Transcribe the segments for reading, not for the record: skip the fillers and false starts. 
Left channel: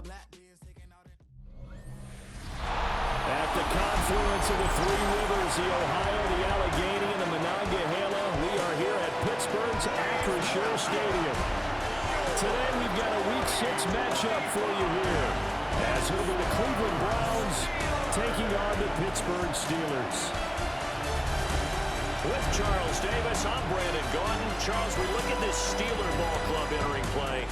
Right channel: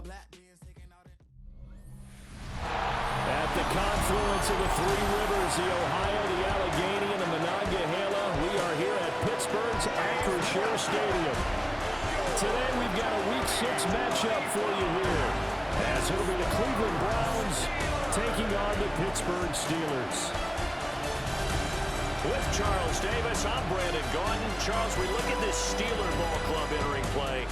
At the confluence of the three rivers, the Ohio, the Allegheny, and the Monongahela, we are here at Pittsburgh's Acrisure Stadium. Today we've got a Week 6 matchup for you here, as it'll be the Cleveland Browns taking on the Pittsburgh Steelers. With Charles Davis, I'm Brandon Gaudin. Charles, we look at this Steeler ball club entering play.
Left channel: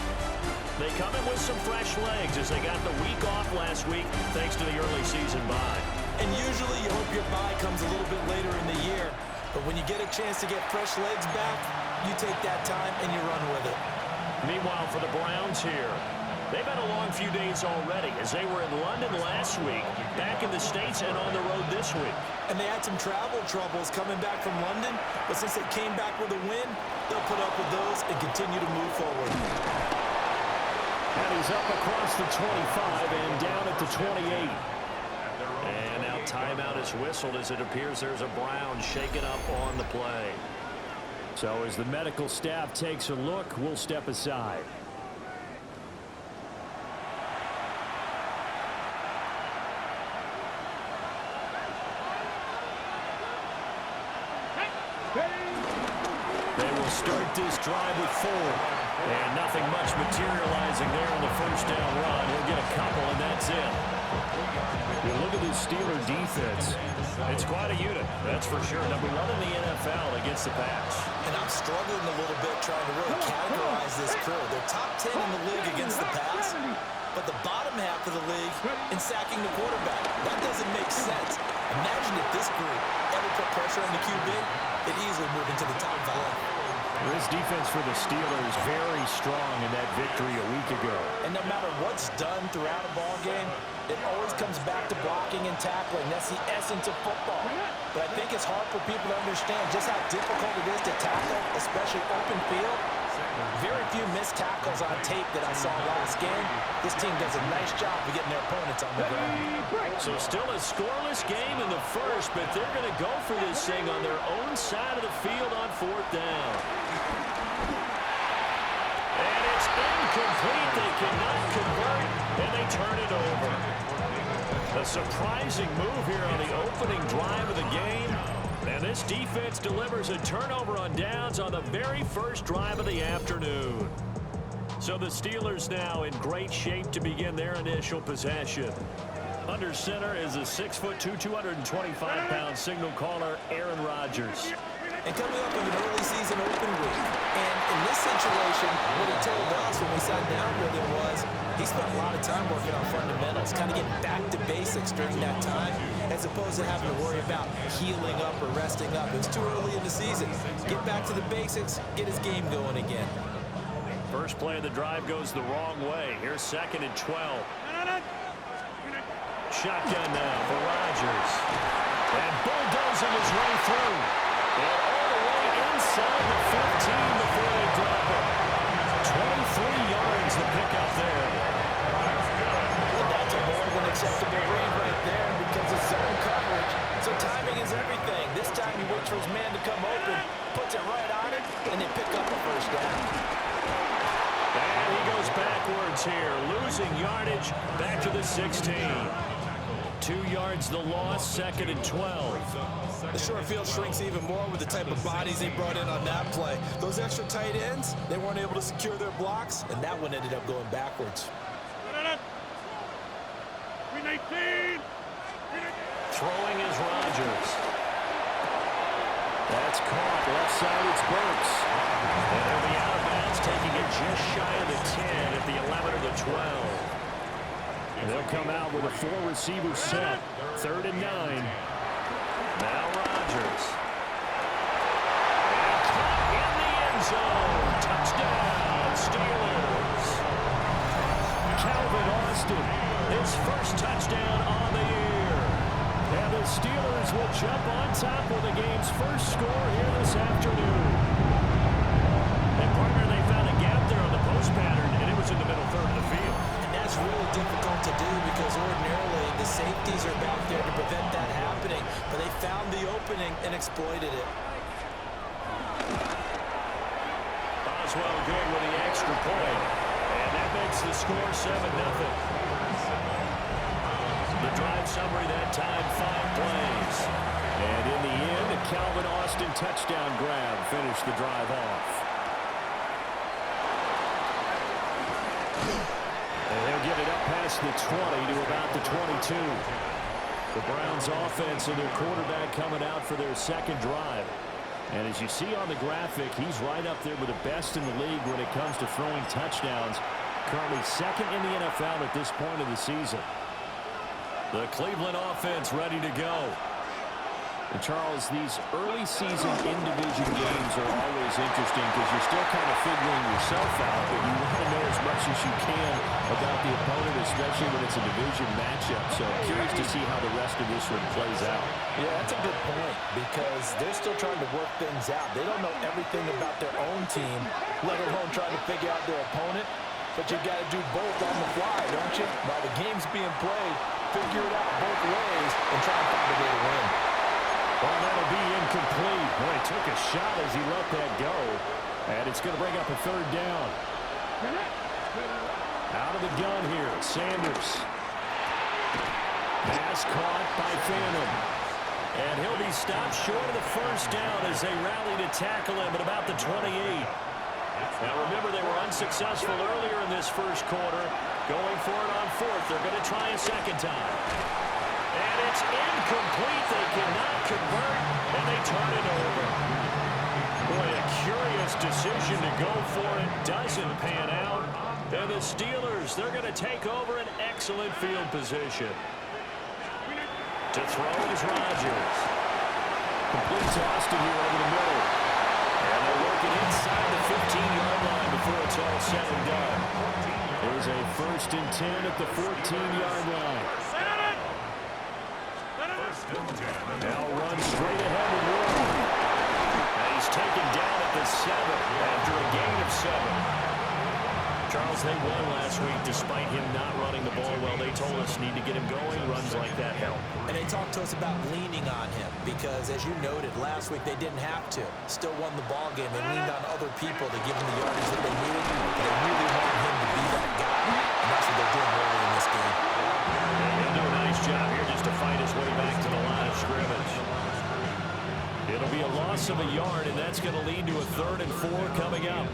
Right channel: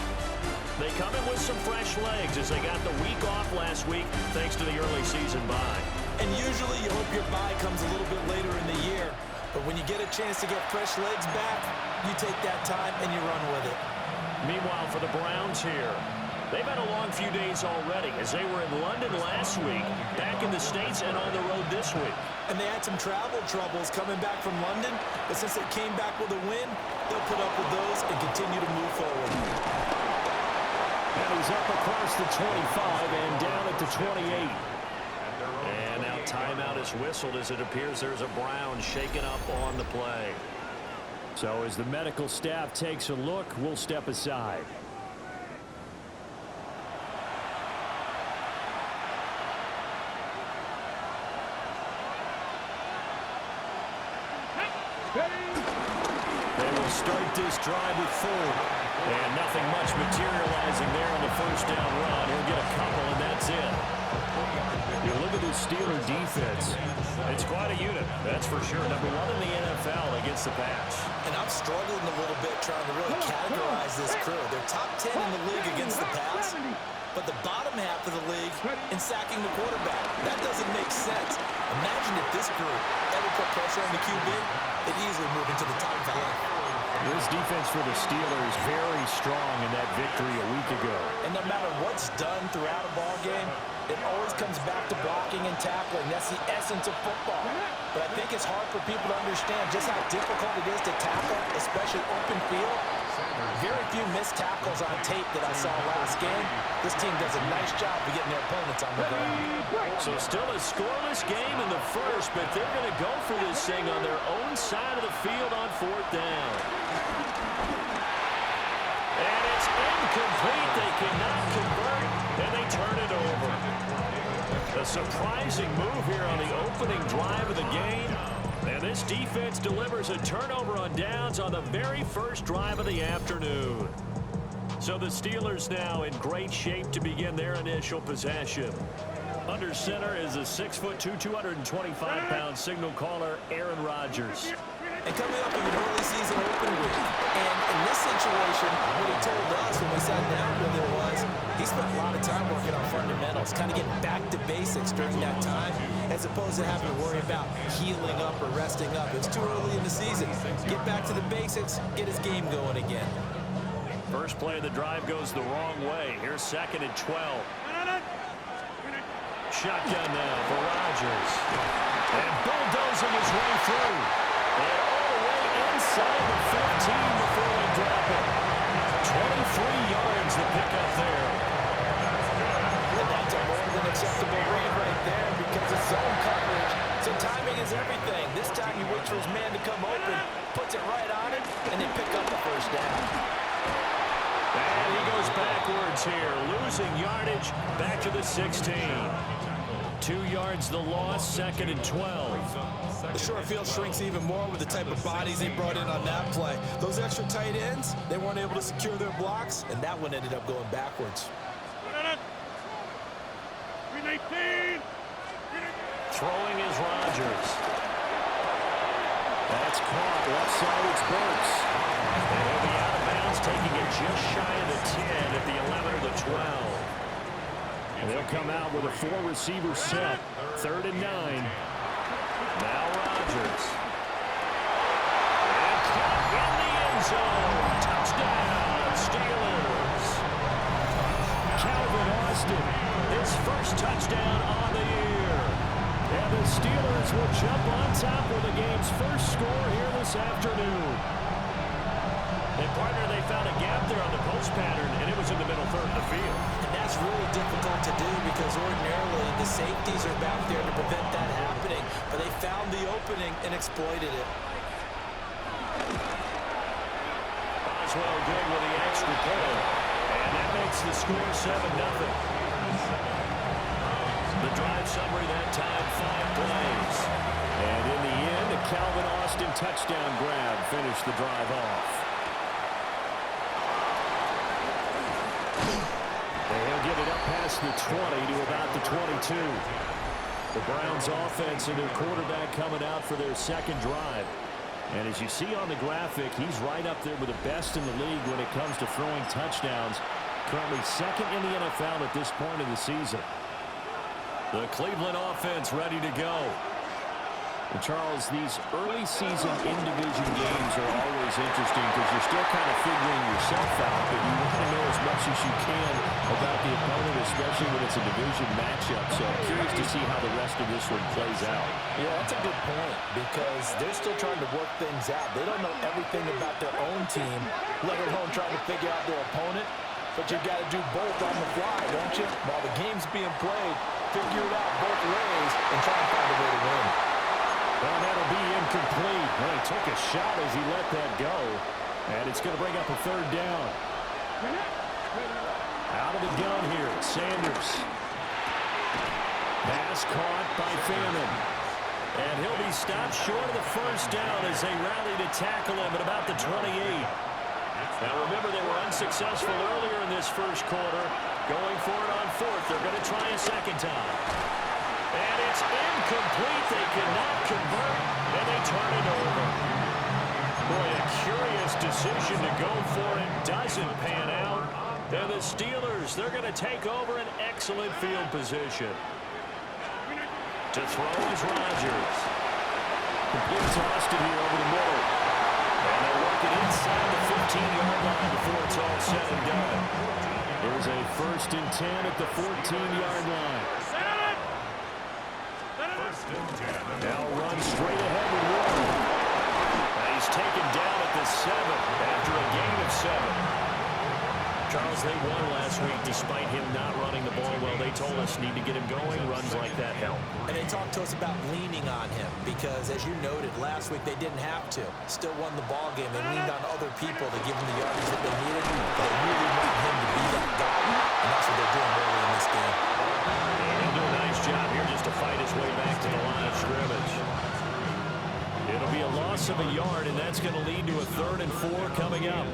They come in with some fresh legs as they got the week off last week thanks to the early season bye. And usually you hope your bye comes a little bit later in the year. But when you get a chance to get fresh legs back, you take that time and you run with it. Meanwhile, for the Browns here, they've had a long few days already as they were in London last week, back in the States and on the road this week. And they had some travel troubles coming back from London, but since they came back with a win, they'll put up with those and continue to move forward. And he's up across the 25 and down at the 28. And now timeout is whistled as it appears there's a Brown shaken up on the play. So as the medical staff takes a look, we'll step aside. They will start this drive with 4. And nothing much materializing there on the first down run. He'll get a couple, and that's it. You look at this Steeler defense. It's quite a unit, that's for sure. Number 1 in the NFL against the pass. And I'm struggling a little bit trying to really categorize this crew. They're top 10 in the league against the pass, but the bottom half of the league in sacking the quarterback. That doesn't make sense. Imagine if this group ever put pressure on the QB, they'd easily move into the top 5. This defense for the Steelers very strong in that victory a week ago. And no matter what's done throughout a ball game, it always comes back to blocking and tackling. That's the essence of football. But I think it's hard for people to understand just how difficult it is to tackle, especially open field. Very few missed tackles on tape that I saw last game. This team does a nice job of getting their opponents on the ground. So still a scoreless game in the first, but they're going to go for this thing on their own side of the field on 4th down. And it's incomplete. They cannot convert, and they turn it over. A surprising move here on the opening drive of the game. And this defense delivers a turnover on downs on the very first drive of the afternoon. So the Steelers now in great shape to begin their initial possession. Under center is a 6'2", 225-pound signal caller, Aaron Rodgers. And coming up with an early season open week. And in this situation, what he told us when we sat down with him was he spent a lot of time working on fundamentals, kind of getting back to basics during that time, as opposed to having to worry about healing up or resting up. It's too early in the season. Get back to the basics, get his game going again. First play of the drive goes the wrong way. Here's 2nd and 12. Shotgun now for Rodgers. And bulldozing his way through. And all the way inside the 15 before they drop it. 23 yards the pickup there. And that's a more than acceptable read right there because it's zone coverage. So timing is everything. This time he waits for his man to come open, puts it right on it, and they pick up a first down. And he goes backwards here, losing yardage back to the 16. 2 yards the loss, 2nd and 12. The short field shrinks even more with the type of bodies they brought in on that play. Those extra tight ends, they weren't able to secure their blocks, and that one ended up going backwards. Throwing is Rodgers. That's caught. Left side, it's Burks. And he'll be out of bounds, taking it just shy of the 10 at the 11 or the 12. And they'll come out with a 4-receiver set. 3rd and 9. Now Rodgers. And caught in the end zone. Touchdown, Steelers. Calvin Austin, His first touchdown on the year. And the Steelers will jump on top with the game's first score here this afternoon. And partner, they found a gap there on the post pattern, and it was in the middle third of the field. And that's really difficult to do because ordinarily the safeties are back there to prevent that happening. But they found the opening and exploited it. Boswell good with the extra point. And that makes makes the score 7-0. The drive summary that time, 5 plays. And in the end, a Calvin Austin touchdown grab finished the drive off. And he'll get it up past the 20 to about the 22. The Browns offense and their quarterback coming out for their second drive. And as you see on the graphic, he's right up there with the best in the league when it comes to throwing touchdowns. Currently second in the NFL at this point of the season. The Cleveland offense ready to go. And Charles, these early season in-division games are always interesting because you're still kind of figuring yourself out, but you want to know as much as you can about the opponent, especially when it's a division matchup. So I'm curious to see how the rest of this one plays out. Yeah, that's a good point because they're still trying to work things out. They don't know everything about their own team, let alone trying to figure out their opponent. But you got to do both on the fly, don't you? While the game's being played, figure it out both ways and try and find a way to win. Well, that'll be incomplete. Well, he took a shot as he let that go. And it's going to bring up a third down. Out of the gun here, Sanders. Pass caught by Fannin. And he'll be stopped short of the first down as they rally to tackle him at about the 28. Now remember, they were unsuccessful earlier in this first quarter. Going for it on fourth. They're going to try a second time. And it's incomplete. They cannot convert, and they turn it over. Boy, a curious decision to go for it. Doesn't pan out. And the Steelers, they're going to take over an excellent field position. To throw is Rodgers. Complete to Austin here over the middle. And they'll work it inside the 15-yard line before it's all said and done. There's a 1st and 10 at the 14-yard line. Now run straight ahead with Warren. Now he's taken down at the 7 after a gain of 7. Charles, they won last week despite him not running the ball well. They told us need to get him going. Runs like that help. And they talked to us about leaning on him because, as you noted, last week they didn't have to. Still won the ball game. They leaned on other people to give him the yardage that they needed. But they really want him to be that guy, and that's what they're doing early in this game. And he'll do a nice job here just to fight his way back to the line of scrimmage. It'll be a loss of a yard, and that's going to lead to a 3rd and 4 coming up.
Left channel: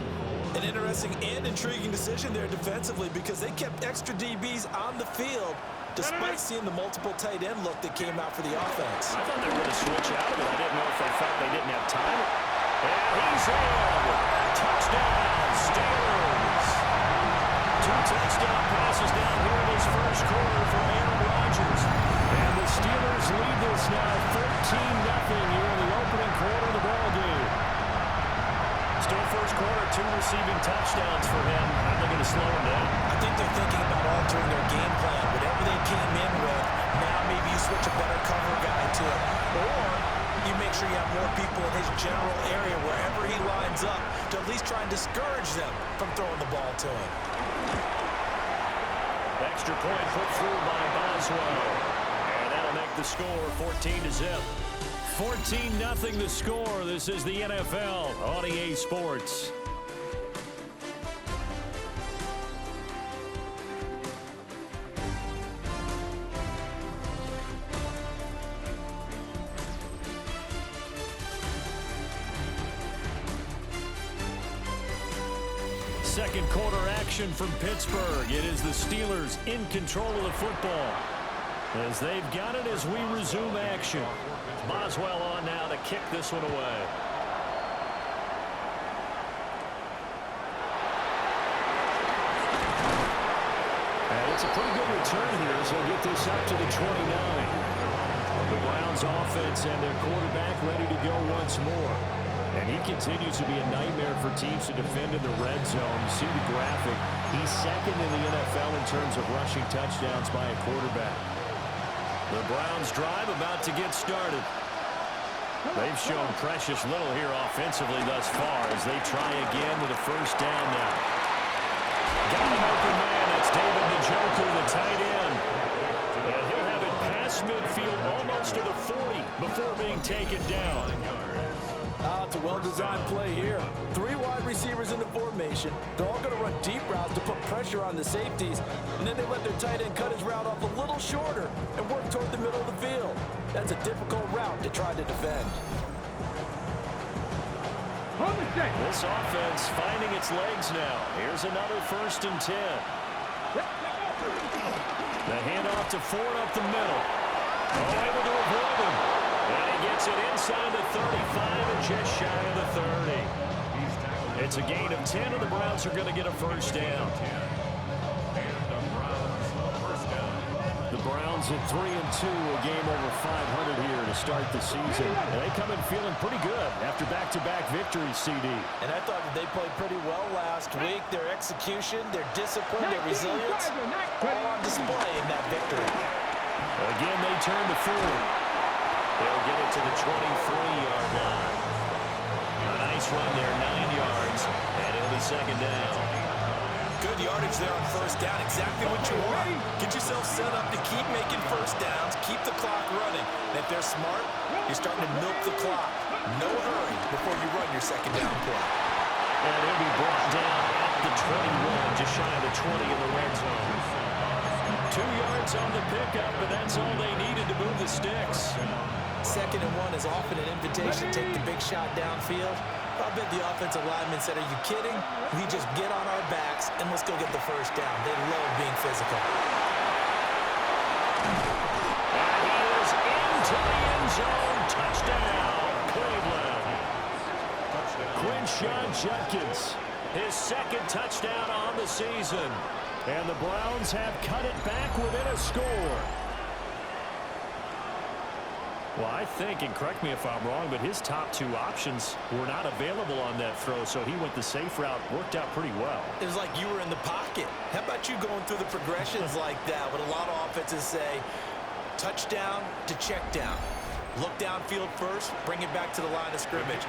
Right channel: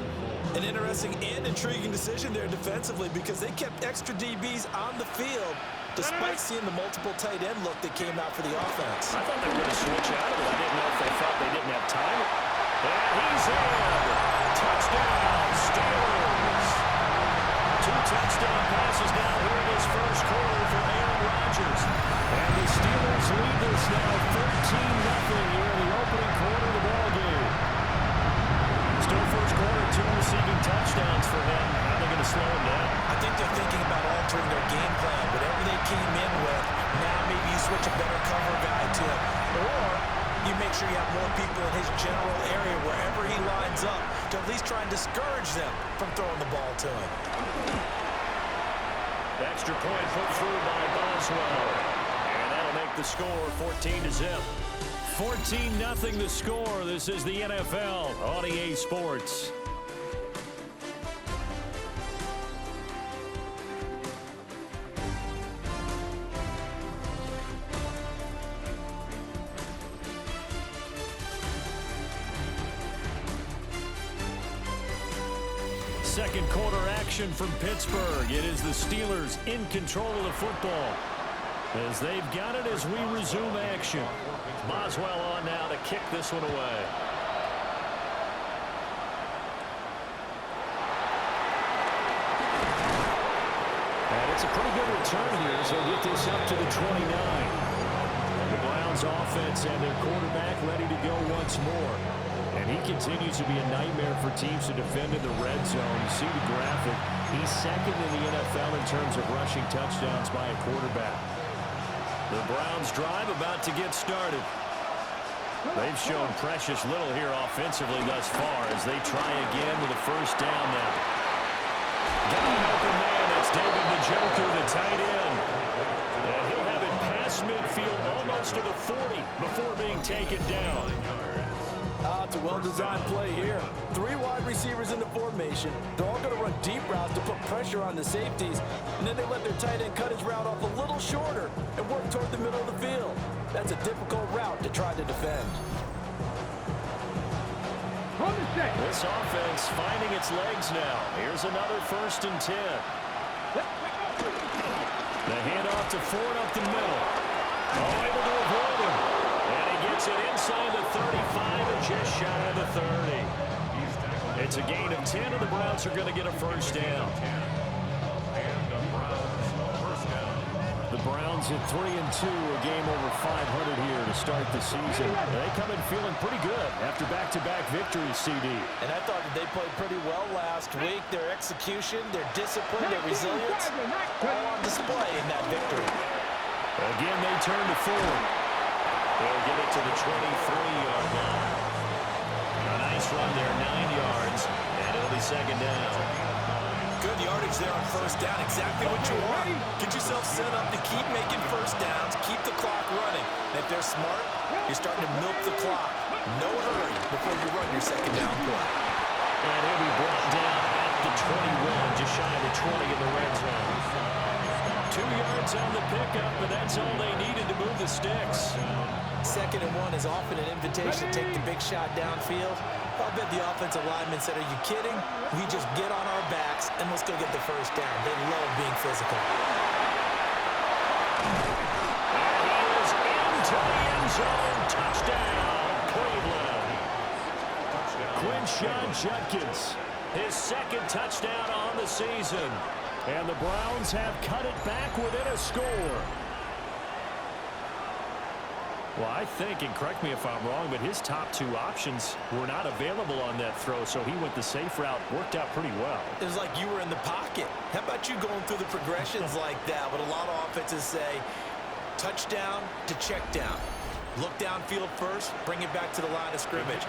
An interesting and intriguing decision there defensively because they kept extra DBs on the field despite seeing the multiple tight end look that came out for the offense. I thought they were going to switch out of it. I didn't know if they felt they didn't have time. And he's in. Touchdown, Steelers. 2 touchdown passes down here in his first quarter for Aaron Rodgers. And the Steelers lead this now 13-0 here in the opening quarter of the ball game. Still first quarter, 2 receiving touchdowns for him. How are they going to slow him down? I think they're thinking about altering their game plan. Whatever they came in with, now maybe you switch a better cover guy to it. Or you make sure you have more people in his general area wherever he lines up to at least try and discourage them from throwing the ball to him. Extra point put through by Boswell. And that'll make the score 14-0. 14-0 the score. This is the NFL on EA Sports. Second quarter action from Pittsburgh. It is the Steelers in control of the football as they've got it as we resume action. Boswell on now to kick this one away. And it's a pretty good return here, so get this up to the 29. The Browns offense and their quarterback ready to go once more. And he continues to be a nightmare for teams to defend in the red zone. You see the graphic. He's second in the NFL in terms of rushing touchdowns by a quarterback. The Browns drive about to get started. They've shown precious little here offensively thus far as they try again with a first down now. Got an open man. That's David Njoku, the tight end. And he'll have it past midfield almost to the 40 before being taken down. It's a well-designed play here. 3 wide receivers in the formation. They're all going to run deep routes to put pressure on the safeties, and then they let their tight end cut his route off a little shorter and work toward the middle of the field. That's a difficult route to try to defend. This offense finding its legs now. Here's another 1st and 10. The handoff to Ford up the middle. Oh, able to avoid him. And he gets it inside the 35 and just shy of the 30. It's a gain of 10, and the Browns are going to get a 1st down. The Browns at 3-2, a game over 500 here to start the season. And they come in feeling pretty good after back-to-back victories, CD. And I thought that they played pretty well last week. Their execution, their discipline, their resilience, all on display in that victory. Again, they turn to Ford. They'll get it to the 23-yard line. A nice run there, 9 yards, and it'll be 2nd down. Good yardage there on 1st down, exactly what you want. Get yourself set up to keep making 1st downs, keep the clock running. And if they're smart, you're starting to milk the clock. No hurry before you run your 2nd down play. And he'll be brought down at the 21, just shy of the 20 in the red zone. 2 yards on the pickup, but that's all they needed to move the sticks. 2nd and 1 is often an invitation to take the big shot downfield. I bet the offensive lineman said, are you kidding? We just get on our backs and let's go get the 1st down. They love being physical. And he is into the end zone. Touchdown, Cleveland. Quinshon Judkins, his 2nd touchdown on the season. And the Browns have cut it back within a score. Well, I think, and correct me if I'm wrong, but his top 2 options were not available on that throw, so he went the safe route, worked out pretty well. It was like you were in the pocket. How about you going through the progressions like that? What a lot of offenses say, touchdown to check down. Look downfield first, bring it back to the line of scrimmage.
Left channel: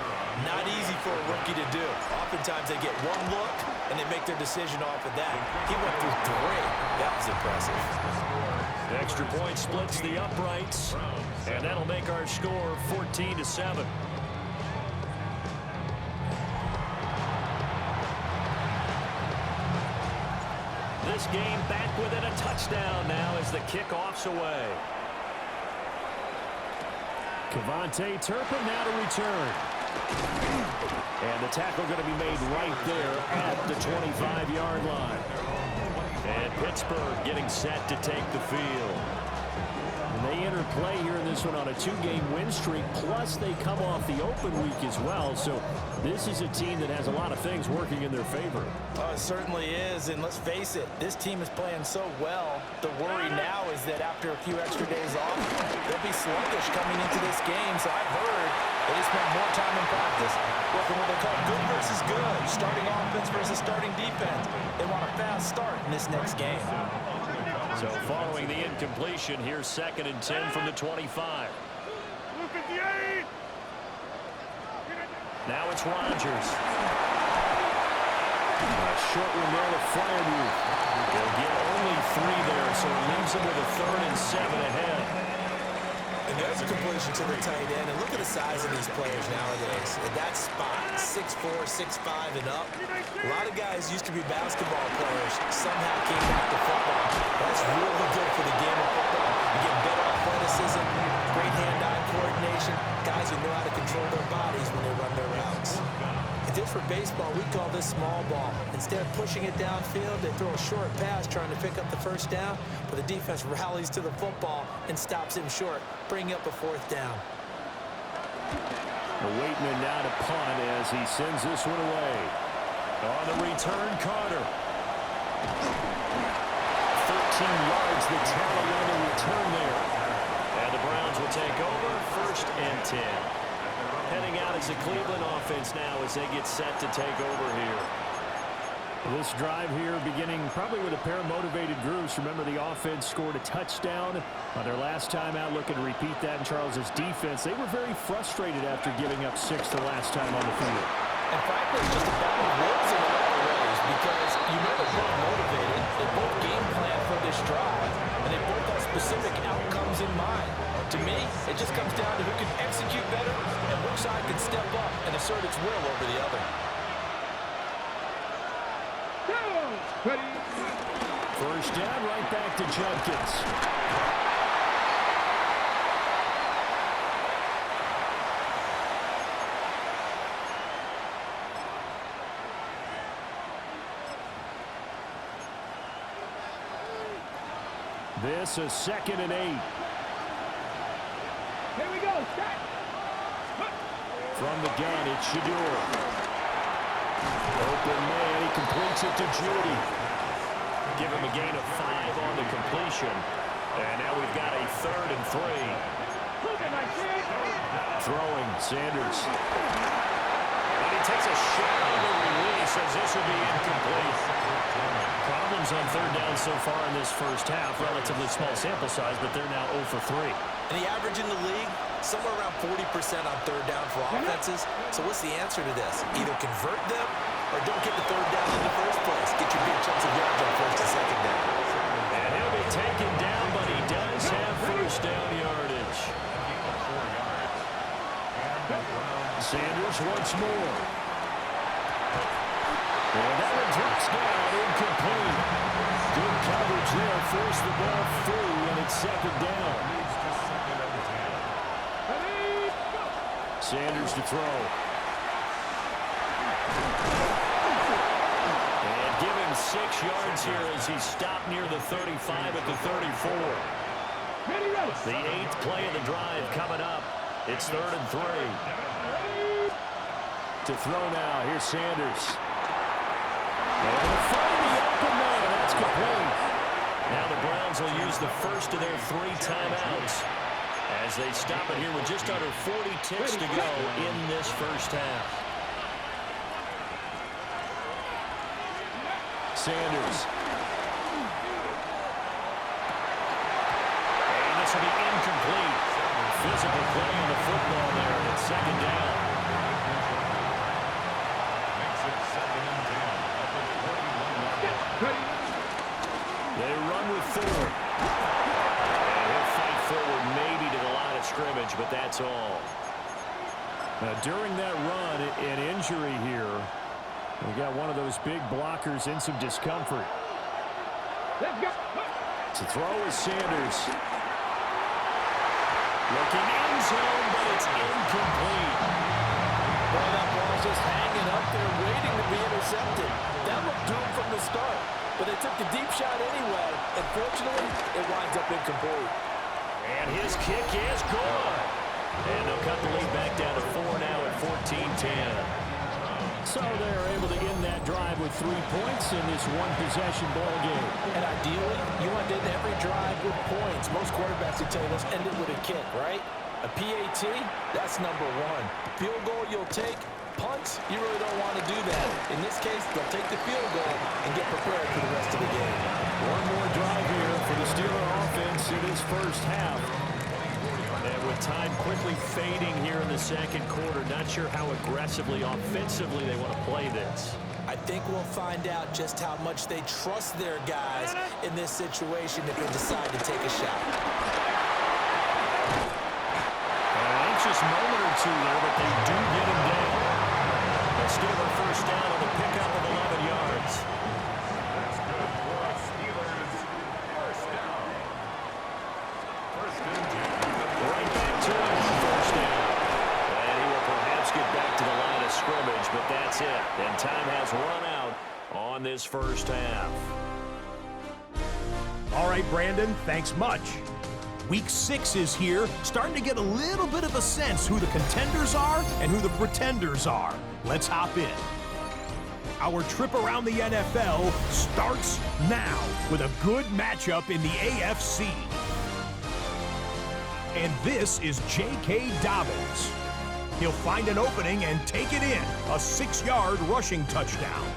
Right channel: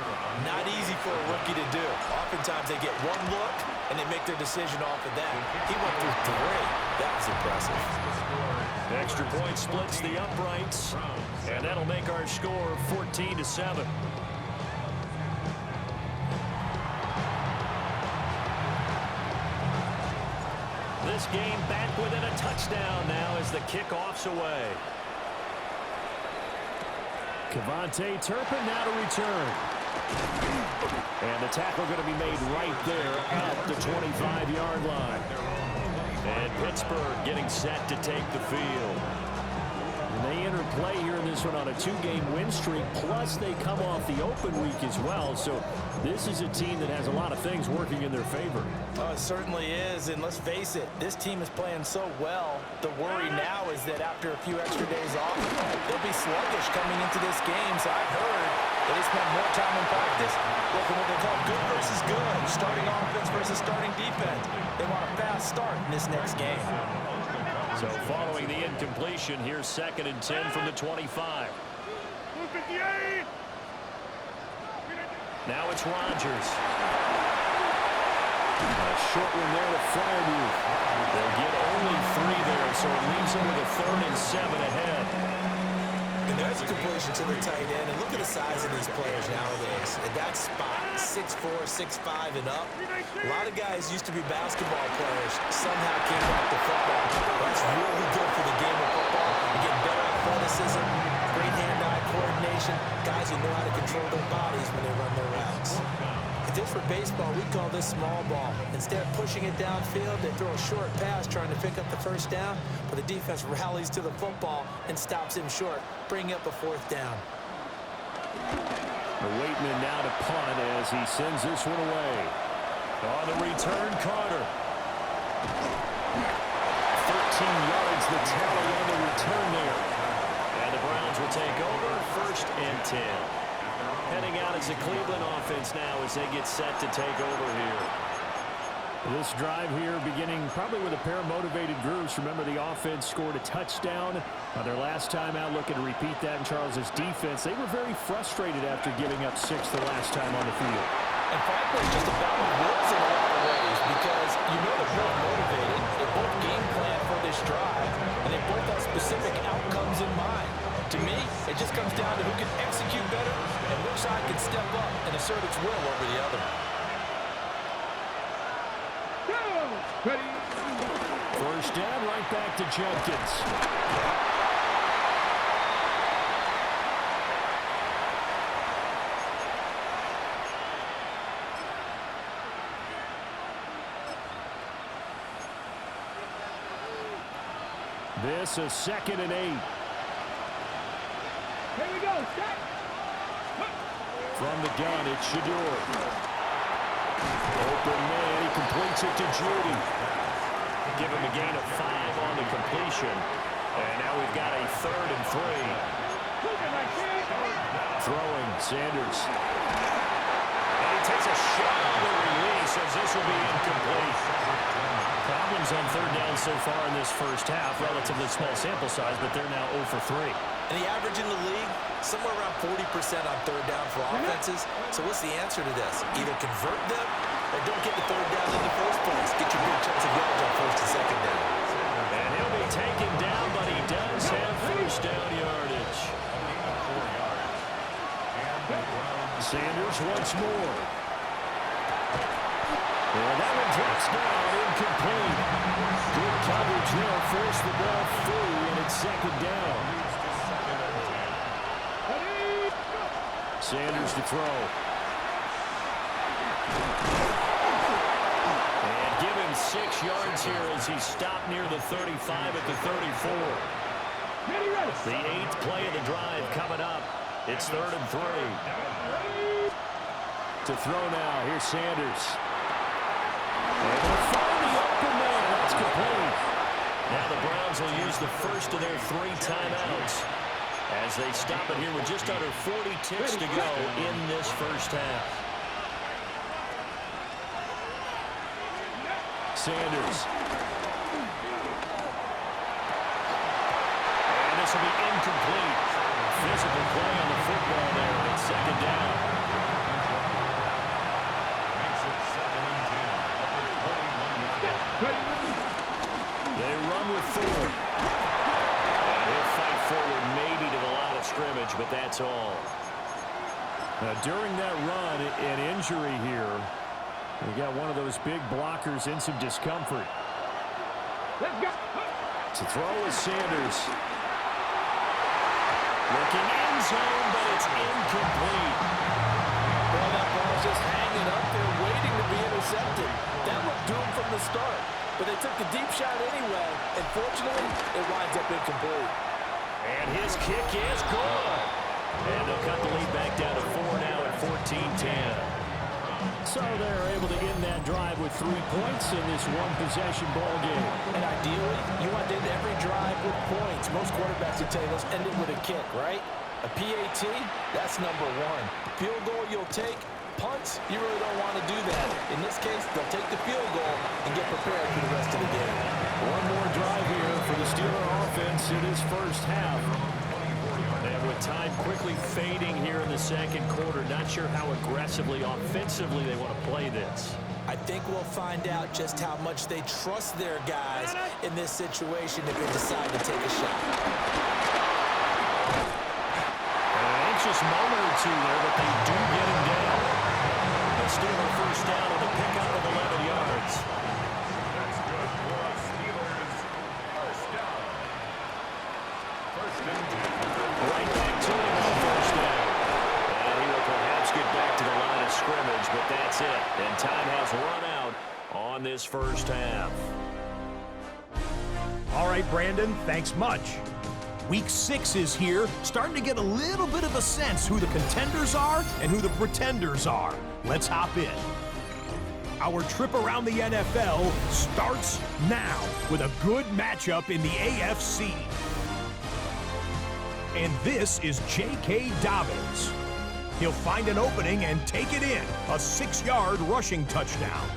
Not easy for a rookie to do. Oftentimes they get 1 look, and they make their decision off of that. He went through 3. That was impressive. The extra point splits the uprights, and that'll make our score 14-7. This game back within a touchdown now as the kickoff's away. Kevontae Turpin now to return. And the tackle going to be made right there at the 25-yard line. And Pittsburgh getting set to take the field. And they enter play here in this one on a 2-game win streak, plus they come off the open week as well. So this is a team that has a lot of things working in their favor. Oh, it certainly is, and let's face it, this team is playing so well. The worry now is that after a few extra days off, they'll be sluggish coming into this game. So I've heard that they spend more time in practice working what they call good versus good, starting offense versus starting defense. They want a fast start in this next game. So following the incompletion, here's 2nd and 10 from the 25. Now it's Rodgers. A short one there to Fryermuth. They'll get only 3 there, so it leaves them with a 3rd and 7 ahead. And there's a completion to the tight end. And look at the size of these players nowadays. At that spot, 6'4", 6'5", and up. A lot of guys used to be basketball players. Somehow came back to football. That's really good for the game of football. You get better athleticism, great hand-eye coordination. Guys who know how to control their bodies when they run their routes. If this were baseball, we'd call this small ball. Instead of pushing it downfield, they throw a short pass trying to pick up the 1st down, but the defense rallies to the football and stops him short, bringing up a 4th down. The Waitman now to punt as he sends this one away. On the return, Carter. 13 yards, the tally on the return there. And the Browns will take over, 1st and 10. Heading out as the Cleveland offense now as they get set to take over here. This drive here beginning probably with a pair of motivated groups. Remember, the offense scored a touchdown on their last time out. Looking to repeat that in Charles's defense. They were very frustrated after giving up 6 the last time on the field. And frankly, it's just a battle of wills in a lot of ways because you know they're both motivated, they both game plan for this drive, and they both have specific outcomes in mind. To me, it just comes down to who can execute better and which side can step up and assert its will over the other. First down, right back to Judkins. This is 2nd and 8. Here we go. From the gun, it's Shador. Open man, he completes it to Judy. Give him a gain of 5 on the completion. And now we've got a 3rd and 3. Throwing, Sanders. And he takes a shot on the release as this will be incomplete. Problems on 3rd down so far in this first half. Relatively small sample size, but they're now 0 for 3. And the average in the league, somewhere around 40% on 3rd down for offenses. So what's the answer to this? Either convert them or don't get the 3rd down in the first place. Get your big chunks of yards on 1st and 2nd down. And he'll be taken down, but he does have 1st down yardage. Sanders once more. And that one drops down, incomplete. Good coverage there, forced the ball free, and it's 2nd down. Sanders to throw. And give him 6 yards here as he stopped near the 35 at the 34. The 8th play of the drive coming up. It's 3rd and 3. To throw now, here's Sanders. And they'll find the open man. That's complete. Now the Browns will use the first of their 3 timeouts as they stop it here with just under 40 ticks to go in this first half. Sanders. And this will be incomplete. Physical play on the football there, and it's 2nd down. They run with 4. And he'll fight forward maybe to the line of scrimmage, but that's all. During that run, an injury here. We got one of those big blockers in some discomfort. Let's go. To throw is Sanders. Looking end zone, but it's incomplete. Well, that ball's just hanging up there waiting to be intercepted. That looked doomed from the start. But they took the deep shot anyway, and fortunately, it winds up incomplete. And his kick is good. And they'll cut the lead back down to 4 now at 14-10. So they're able to end that drive with 3 points in this one-possession ball game. And ideally, you want to end every drive with points. Most quarterbacks would tell you, let's end it with a kick, right? A PAT, that's number 1. Field goal you'll take. Punts, you really don't want to do that. In this case, they'll take the field goal and get prepared for the rest of the game. One more drive here for the Steeler offense in this first half. And with time quickly fading here in the 2nd quarter, not sure how aggressively, offensively they want to play this. I think we'll find out just how much they trust their guys in this situation if they decide to take a shot. An anxious moment or two there, but they do get him down. The Steeler first down on the pickup of 11 yards. That's good for a Steelers first down. 1st and 10. Right back to him on 1st down. And he will perhaps get back to the line of scrimmage, but that's it. And time has run out on this first half. All right, Brandon, thanks much. Week 6 is here, starting to get a little bit of a sense who the contenders are and who the pretenders are. Let's hop in. Our trip around the NFL starts now with a good matchup in the AFC. And this is J.K. Dobbins. He'll find an opening and take it in, a 6-yard rushing touchdown.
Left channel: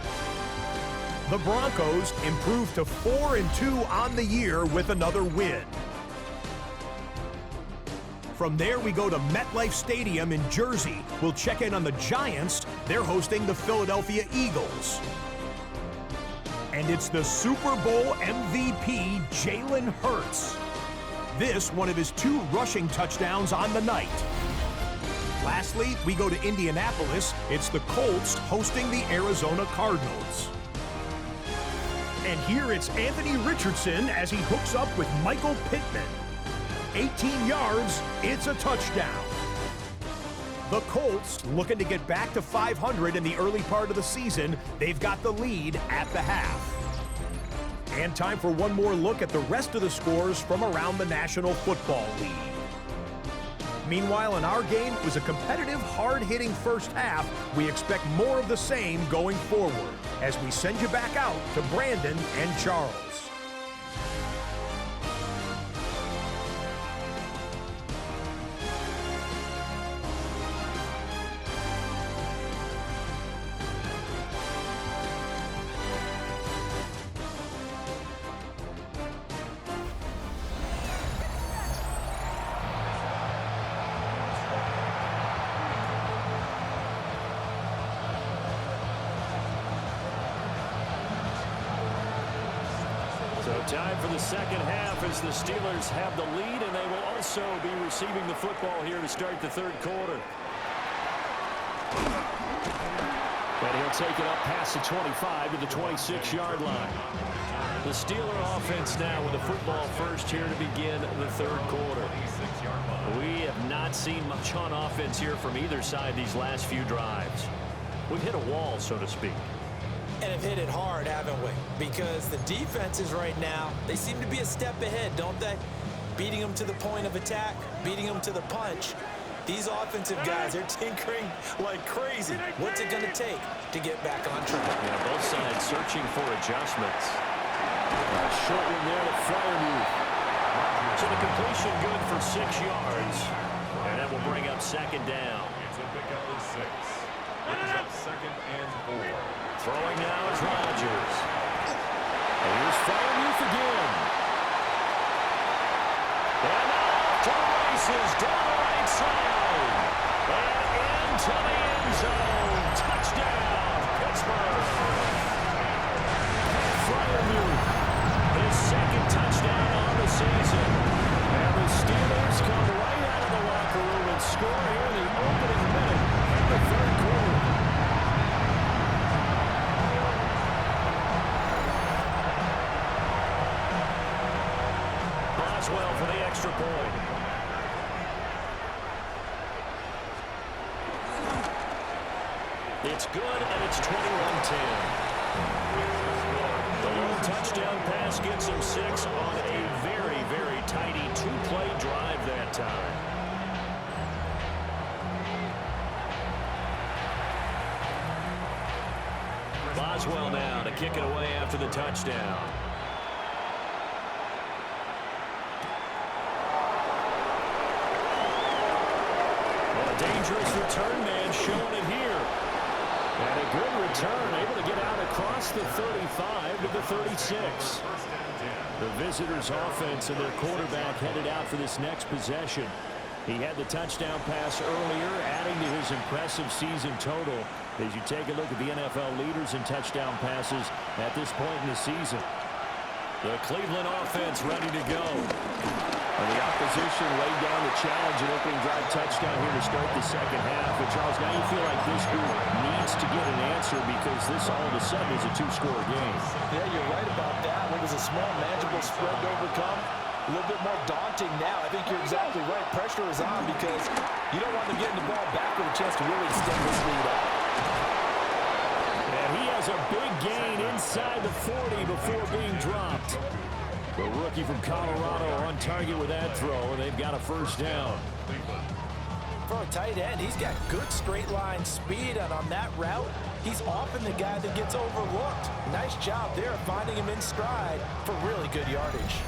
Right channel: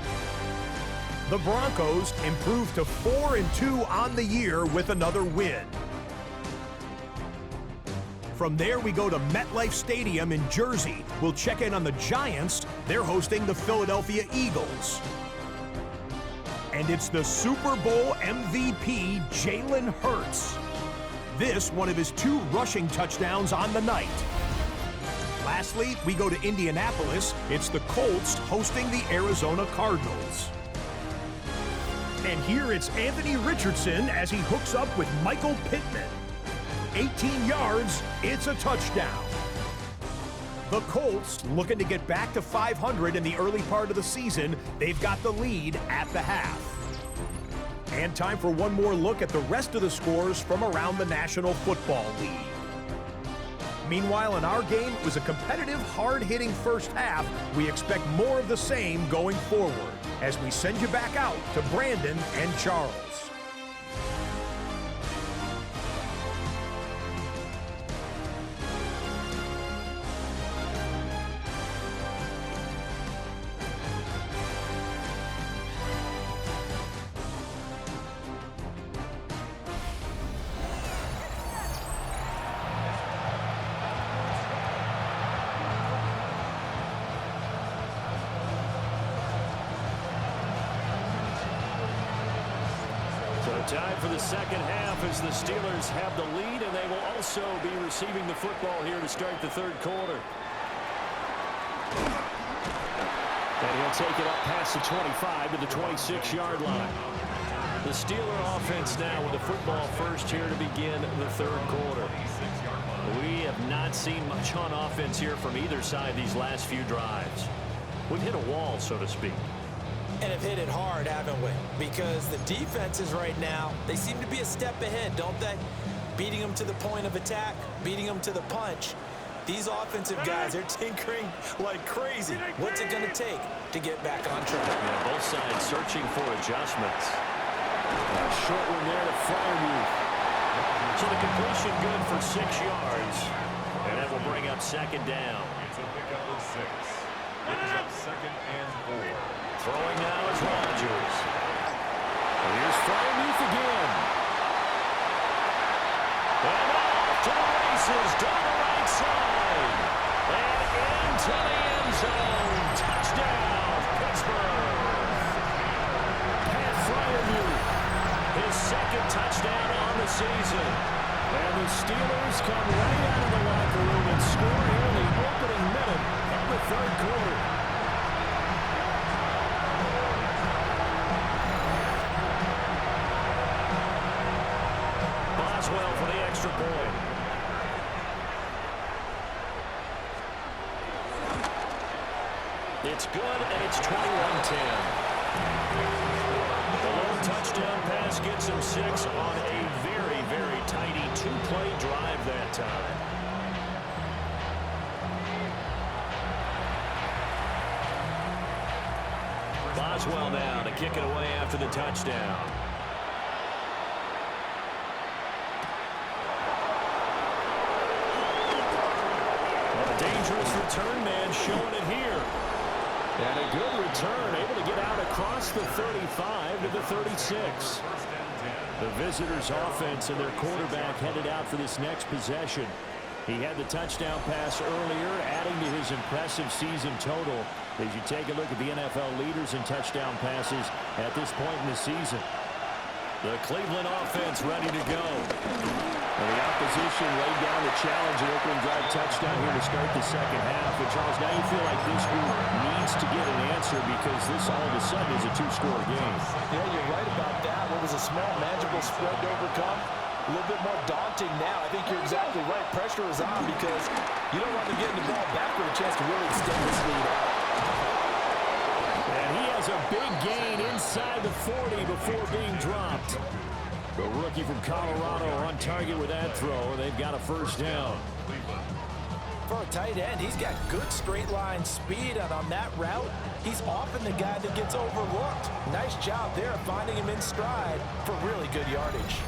The Broncos improve to 4-2 on the year with another win. From there, we go to MetLife Stadium in Jersey. We'll check in on the Giants. They're hosting the Philadelphia Eagles. And it's the Super Bowl MVP, Jalen Hurts. This, one of his 2 rushing touchdowns on the night. Lastly, we go to Indianapolis. It's the Colts hosting the Arizona Cardinals. And here it's Anthony Richardson as he hooks up with Michael Pittman. 18 yards, it's a touchdown. The Colts looking to get back to 500 in the early part of the season. They've got the lead at the half. And time for one more look at the rest of the scores from around the National Football League. Meanwhile, in our game, it was a competitive, hard-hitting first half. We expect more of the same going forward as we send you back out to Brandon and Charles. So time for the second half as the Steelers have the lead, and they will also be receiving the football here to start the third quarter. And he'll take it up past the 25 to the 26-yard line. The Steeler offense now with the football first here to begin the third quarter. We have not seen much on offense here from either side these last few drives. We've hit a wall, so to speak. And have hit it hard, haven't we? Because the defenses right now, they seem to be a step ahead, don't they? Beating them to the point of attack, beating them to the punch. These offensive guys, they're tinkering like crazy. What's it going to take to get back on track? Yeah, both sides searching for adjustments. A short one there to Freiermuth. So the completion good for 6 yards. And that will bring up second down. It's a pickup of 6. Brings up 2nd and 4. Throwing now is Rodgers. And here's Freiermuth again. And now off to the races down the right side. And into the end zone. Touchdown, Pittsburgh. Pat Freiermuth, his 2nd touchdown on the season. And the Steelers come right out of the locker room and score here in the opening minute of the third quarter. Well for the extra point. It's good, and it's 21-10. The lone touchdown pass gets him 6 on a very, very tidy 2-play drive that time. Boswell now to kick it away after the touchdown. Dangerous return man showing it here. And a good return, able to get out across the 35 to the 36. The visitors' offense and their quarterback headed out for this next possession. He had the touchdown pass earlier, adding to his impressive season total as you take a look at the NFL leaders in touchdown passes at this point in the season. The Cleveland offense ready to go. And the opposition laid down the challenge and opening drive touchdown here to start the second half. And Charles, now you feel like this group needs to get an answer because this all of a sudden is a 2-score game. Yeah, you're right about that. What was a small, manageable spread to overcome? A little bit more daunting now. I think you're exactly right. Pressure is on because you don't want them getting the ball back with a chance to really extend this lead out. And he has a big gain inside the 40 before being dropped. The rookie from Colorado on target with that throw, and they've got a first down. For a tight end, he's got good straight line speed, and on that route, he's often the guy that gets overlooked. Nice job there finding him in stride for really good yardage.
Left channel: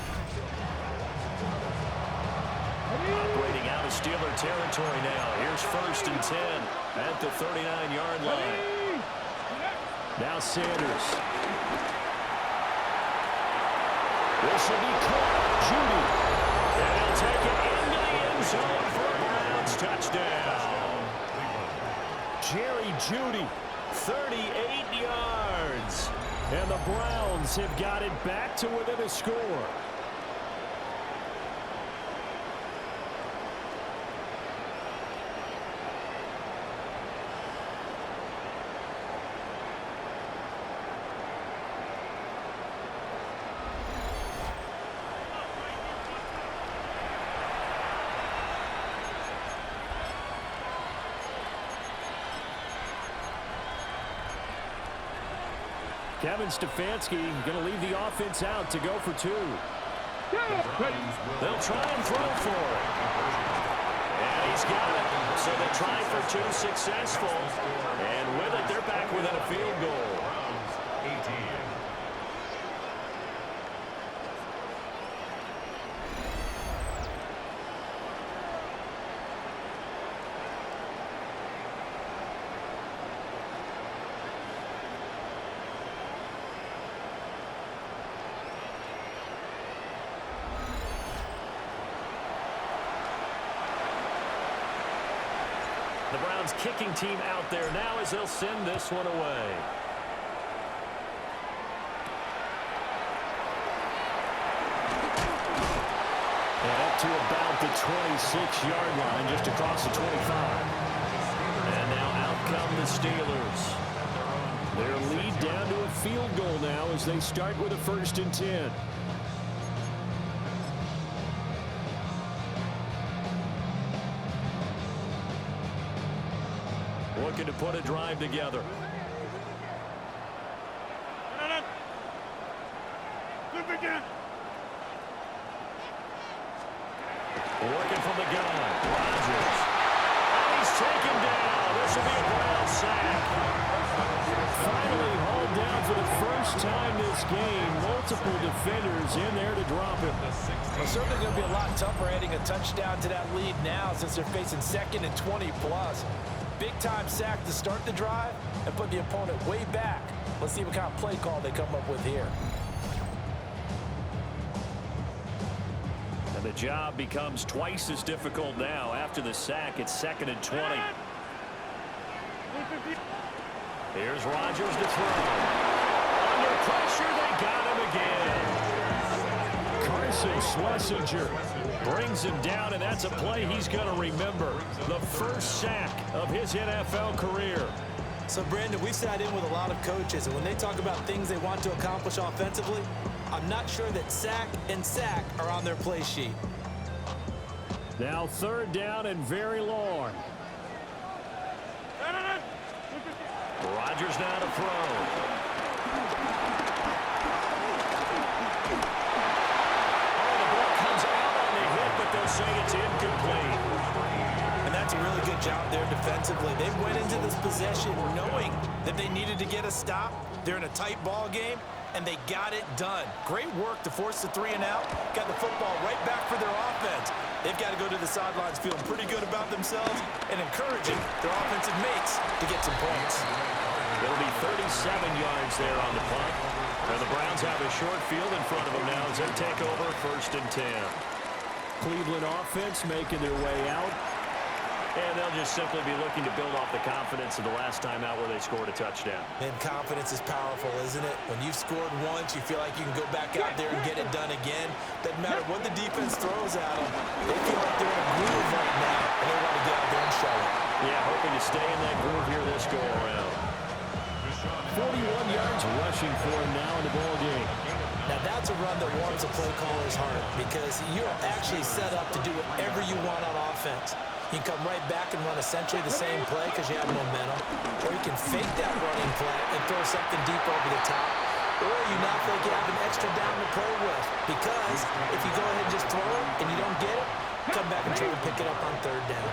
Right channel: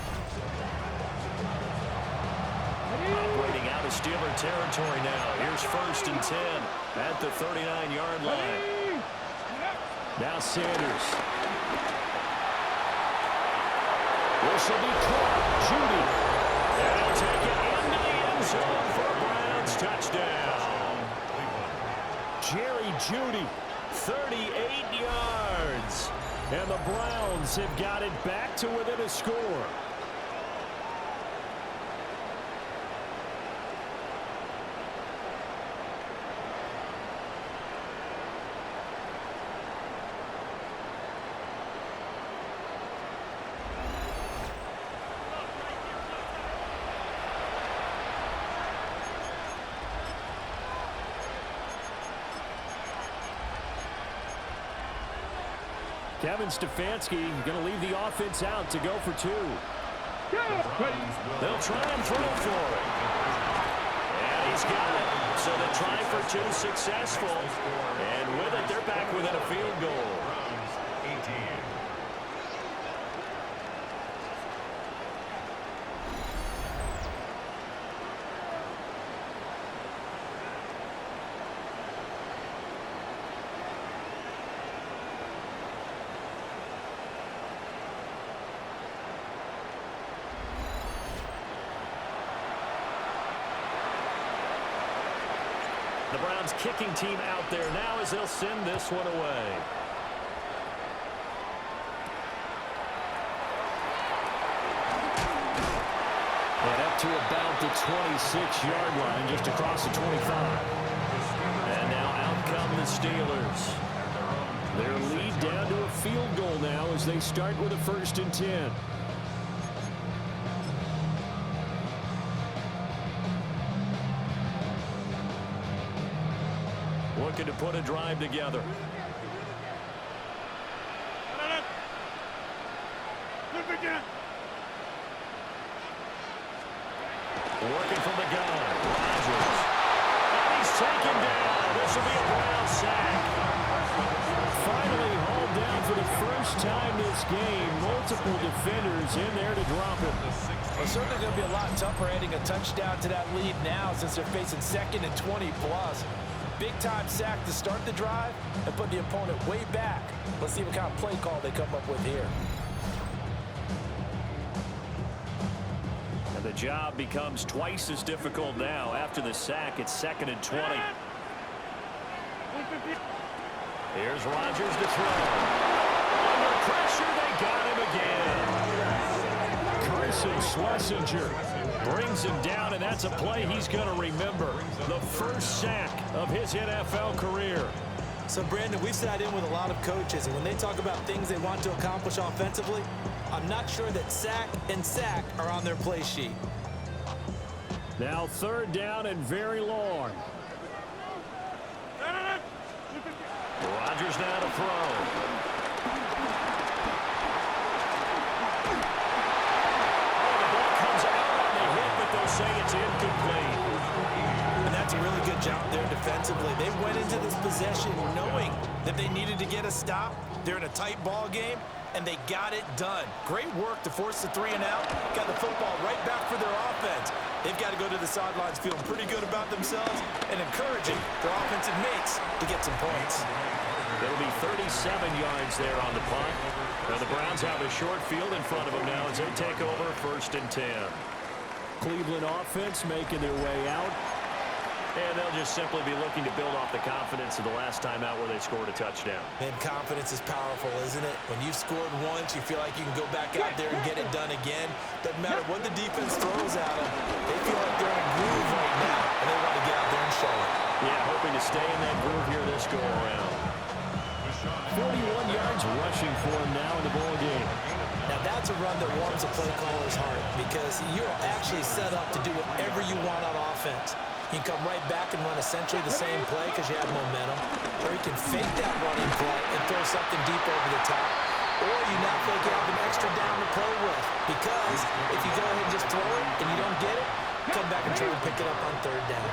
Operating out of Steeler territory now. Here's 1st and 10 at the 39-yard line. Now Sanders. This will be caught. Judy. And he'll take it into the end zone for a Browns touchdown. Jerry Jeudy, 38 yards. And the Browns have got it back to within a score. Kevin Stefanski going to leave the offense out to go for two. They'll try and throw for it. And he's got it. So they try for two, successful. And with it, they're back within a field goal. 18. The Browns kicking team out there now as they'll send this one away. And up to about the 26-yard line, just across the 25. And now out come the Steelers. Their lead down to a field goal now as they start with a 1st and 10. Looking to put a drive together. Working from the gun. Rodgers. And he's taken down. This will be a Brown sack. Finally hauled down for the first time this game. Multiple defenders in there to drop him. Well, certainly going to be a lot tougher adding a touchdown to that lead now since they're facing 2nd and 20+. Big-time sack to start the drive and put the opponent way back. Let's see what kind of play call they come up with here. And the job becomes twice as difficult now. After the sack, it's 2nd and 20. Here's Rodgers to throw. Under pressure, they got him again. Carson Schlesinger Brings him down, and that's a play he's going to remember. The first sack of his NFL career. So, Brandon, we've sat in with a lot of coaches, and when they talk about things they want to accomplish offensively, I'm not sure that sack and sack are on their play sheet. Now 3rd down and very long. Rodgers now to throw. But they'll say it's incomplete. And that's a really good job there defensively. They went into this possession knowing that they needed to get a stop. They're in a tight ball game, and they got it done. Great work to force the 3 and out. Got the football right back for their offense. They've got to go to the sidelines feeling pretty good about themselves and encouraging their offensive mates to get some points. It'll be 37 yards there on the punt. And the Browns have a short field in front of them now as they take over 1st and 10. Cleveland offense making their way out. And they'll just simply be looking to build off the confidence of the last time out where they scored a touchdown. And confidence is powerful, isn't it? When you've scored once, you feel like you can go back out there and get it done again. Doesn't matter what the defense throws at them. They feel like they're in a groove right now, and they want to get out there and show it. Yeah, hoping to stay in that groove here this go-around. 41 yards rushing for him now in the ball game. Now that's a run that warms a play caller's heart because you're actually set up to do whatever you want on offense. You can come right back and run essentially the same play because you have momentum, or you can fake that running play and throw something deep over the top, or you now feel like you have an extra down to play with because if you go ahead and just throw it and you don't get it, come back and try and pick it up on 3rd down.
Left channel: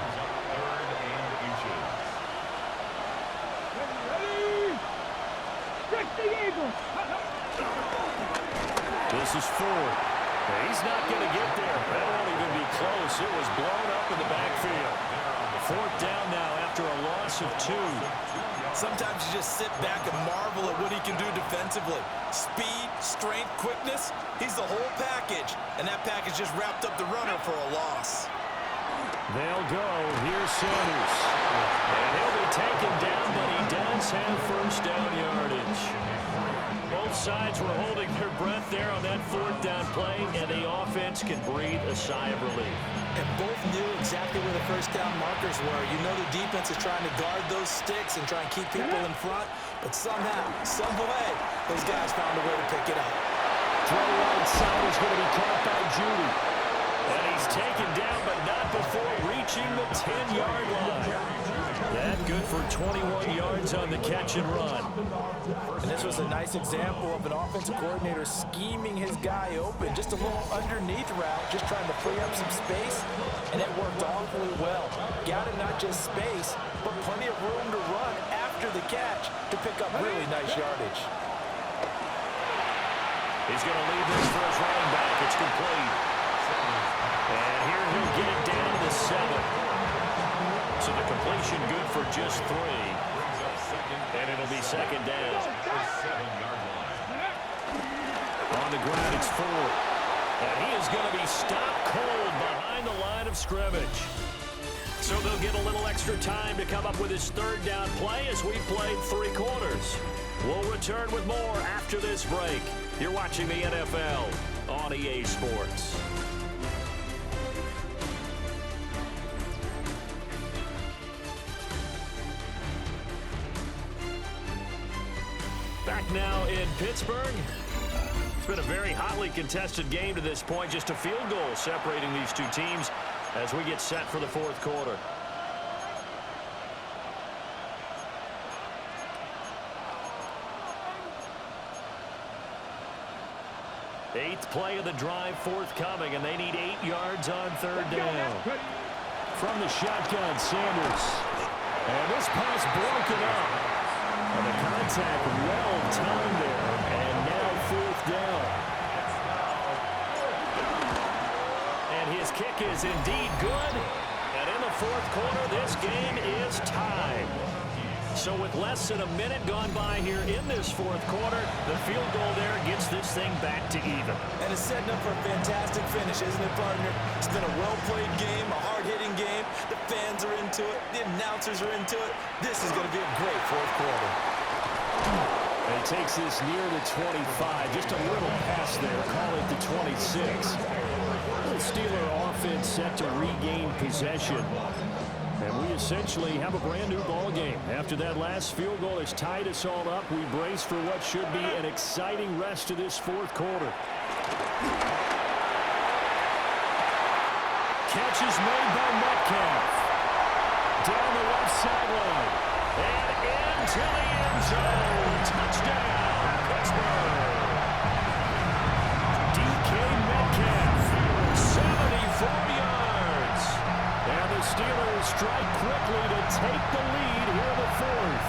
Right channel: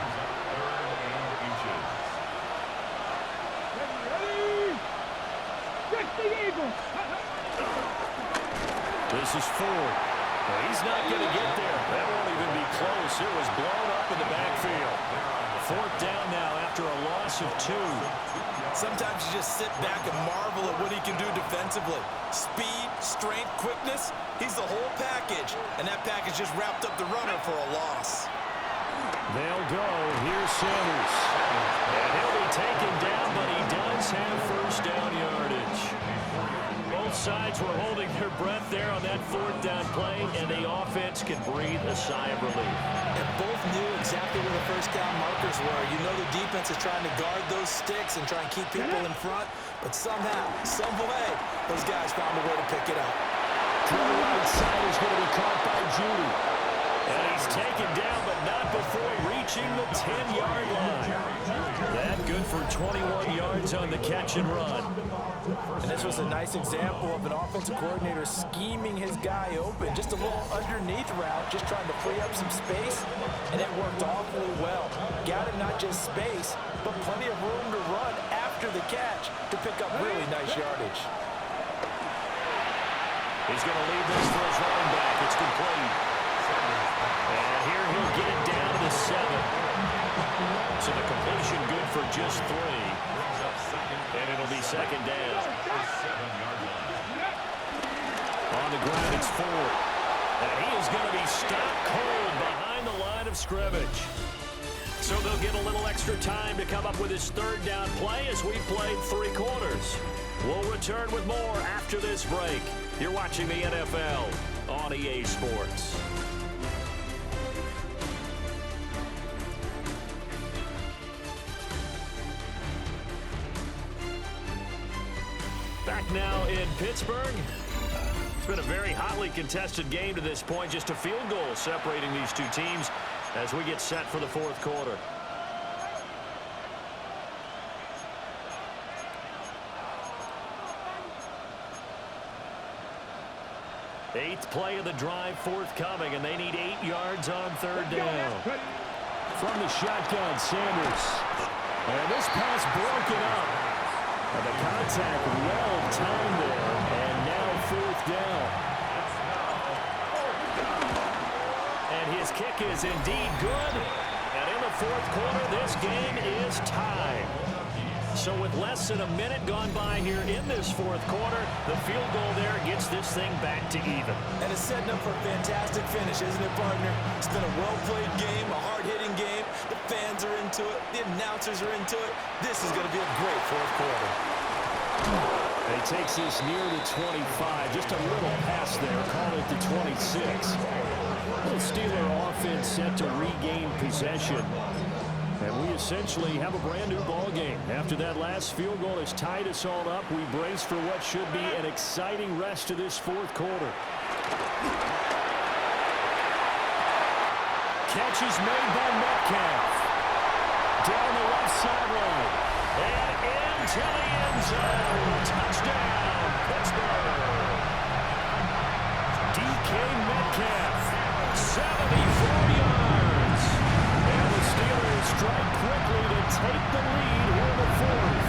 This is Ford. He's not going to get there. That won't even be close. It was blown up in the backfield. 4th down now after a loss of 2. Sometimes you just sit back and marvel at what he can do defensively. Speed, strength, quickness, he's the whole package. And that package just wrapped up the runner for a loss. They'll go. Here's Sanders. And he'll be taken down, but he does have first down yardage. Both sides were holding their breath there on that fourth down play, and the offense can breathe a sigh of relief. And both knew exactly where the first down markers were. You know the defense is trying to guard those sticks and try and keep people in front, but somehow, some way, those guys found a way to pick it up. Throw right side is going to be caught by Judy. And he's taken down, but not before reaching the 10-yard line. That good for 21 yards on the catch and run. And this was a nice example of an offensive coordinator scheming his guy open. Just a little underneath route, just trying to free up some space, and it worked awfully well. Got him not just space, but plenty of room to run after the catch to pick up really nice yardage. He's going to leave this for his running back. It's complete. And here he'll get it down to the 7. So the completion good for just 3. And it'll be second down. On the ground, it's 4. And he is going to be stopped cold behind the line of scrimmage. So they'll get a little extra time to come up with his third down play as we played 3 quarters. We'll return with more after this break. You're watching the NFL on EA Sports. Back now in Pittsburgh. It's been a very hotly contested game to this point. Just a field goal separating these two teams as we get set for the fourth quarter. Eighth play of the drive forthcoming, and they need 8 yards on third down. From the shotgun, Sanders. And this pass broken up. And the contact well timed there. And now fourth down. And his kick is indeed good. And in the fourth quarter, this game is tied. So with less than a minute gone by here in this fourth quarter, the field goal there gets this thing back to even. And it's setting up for a fantastic finish, isn't it, partner? It's been a well-played game, a hard-hitting game. The fans are into it. The announcers are into it. This is going to be a great fourth quarter. And he takes this near the 25. Just a little pass there. Call it the 26. The Steeler offense set to regain possession. And we essentially have a brand new ball game. After that last field goal has tied us all up, we brace for what should be an exciting rest of this fourth quarter. Catch is made by Metcalf. Down the left sideline. And into the end zone. Touchdown, Pittsburgh. DK Metcalf, 74 yards. And the Steelers strike quickly to take the lead here in the fourth.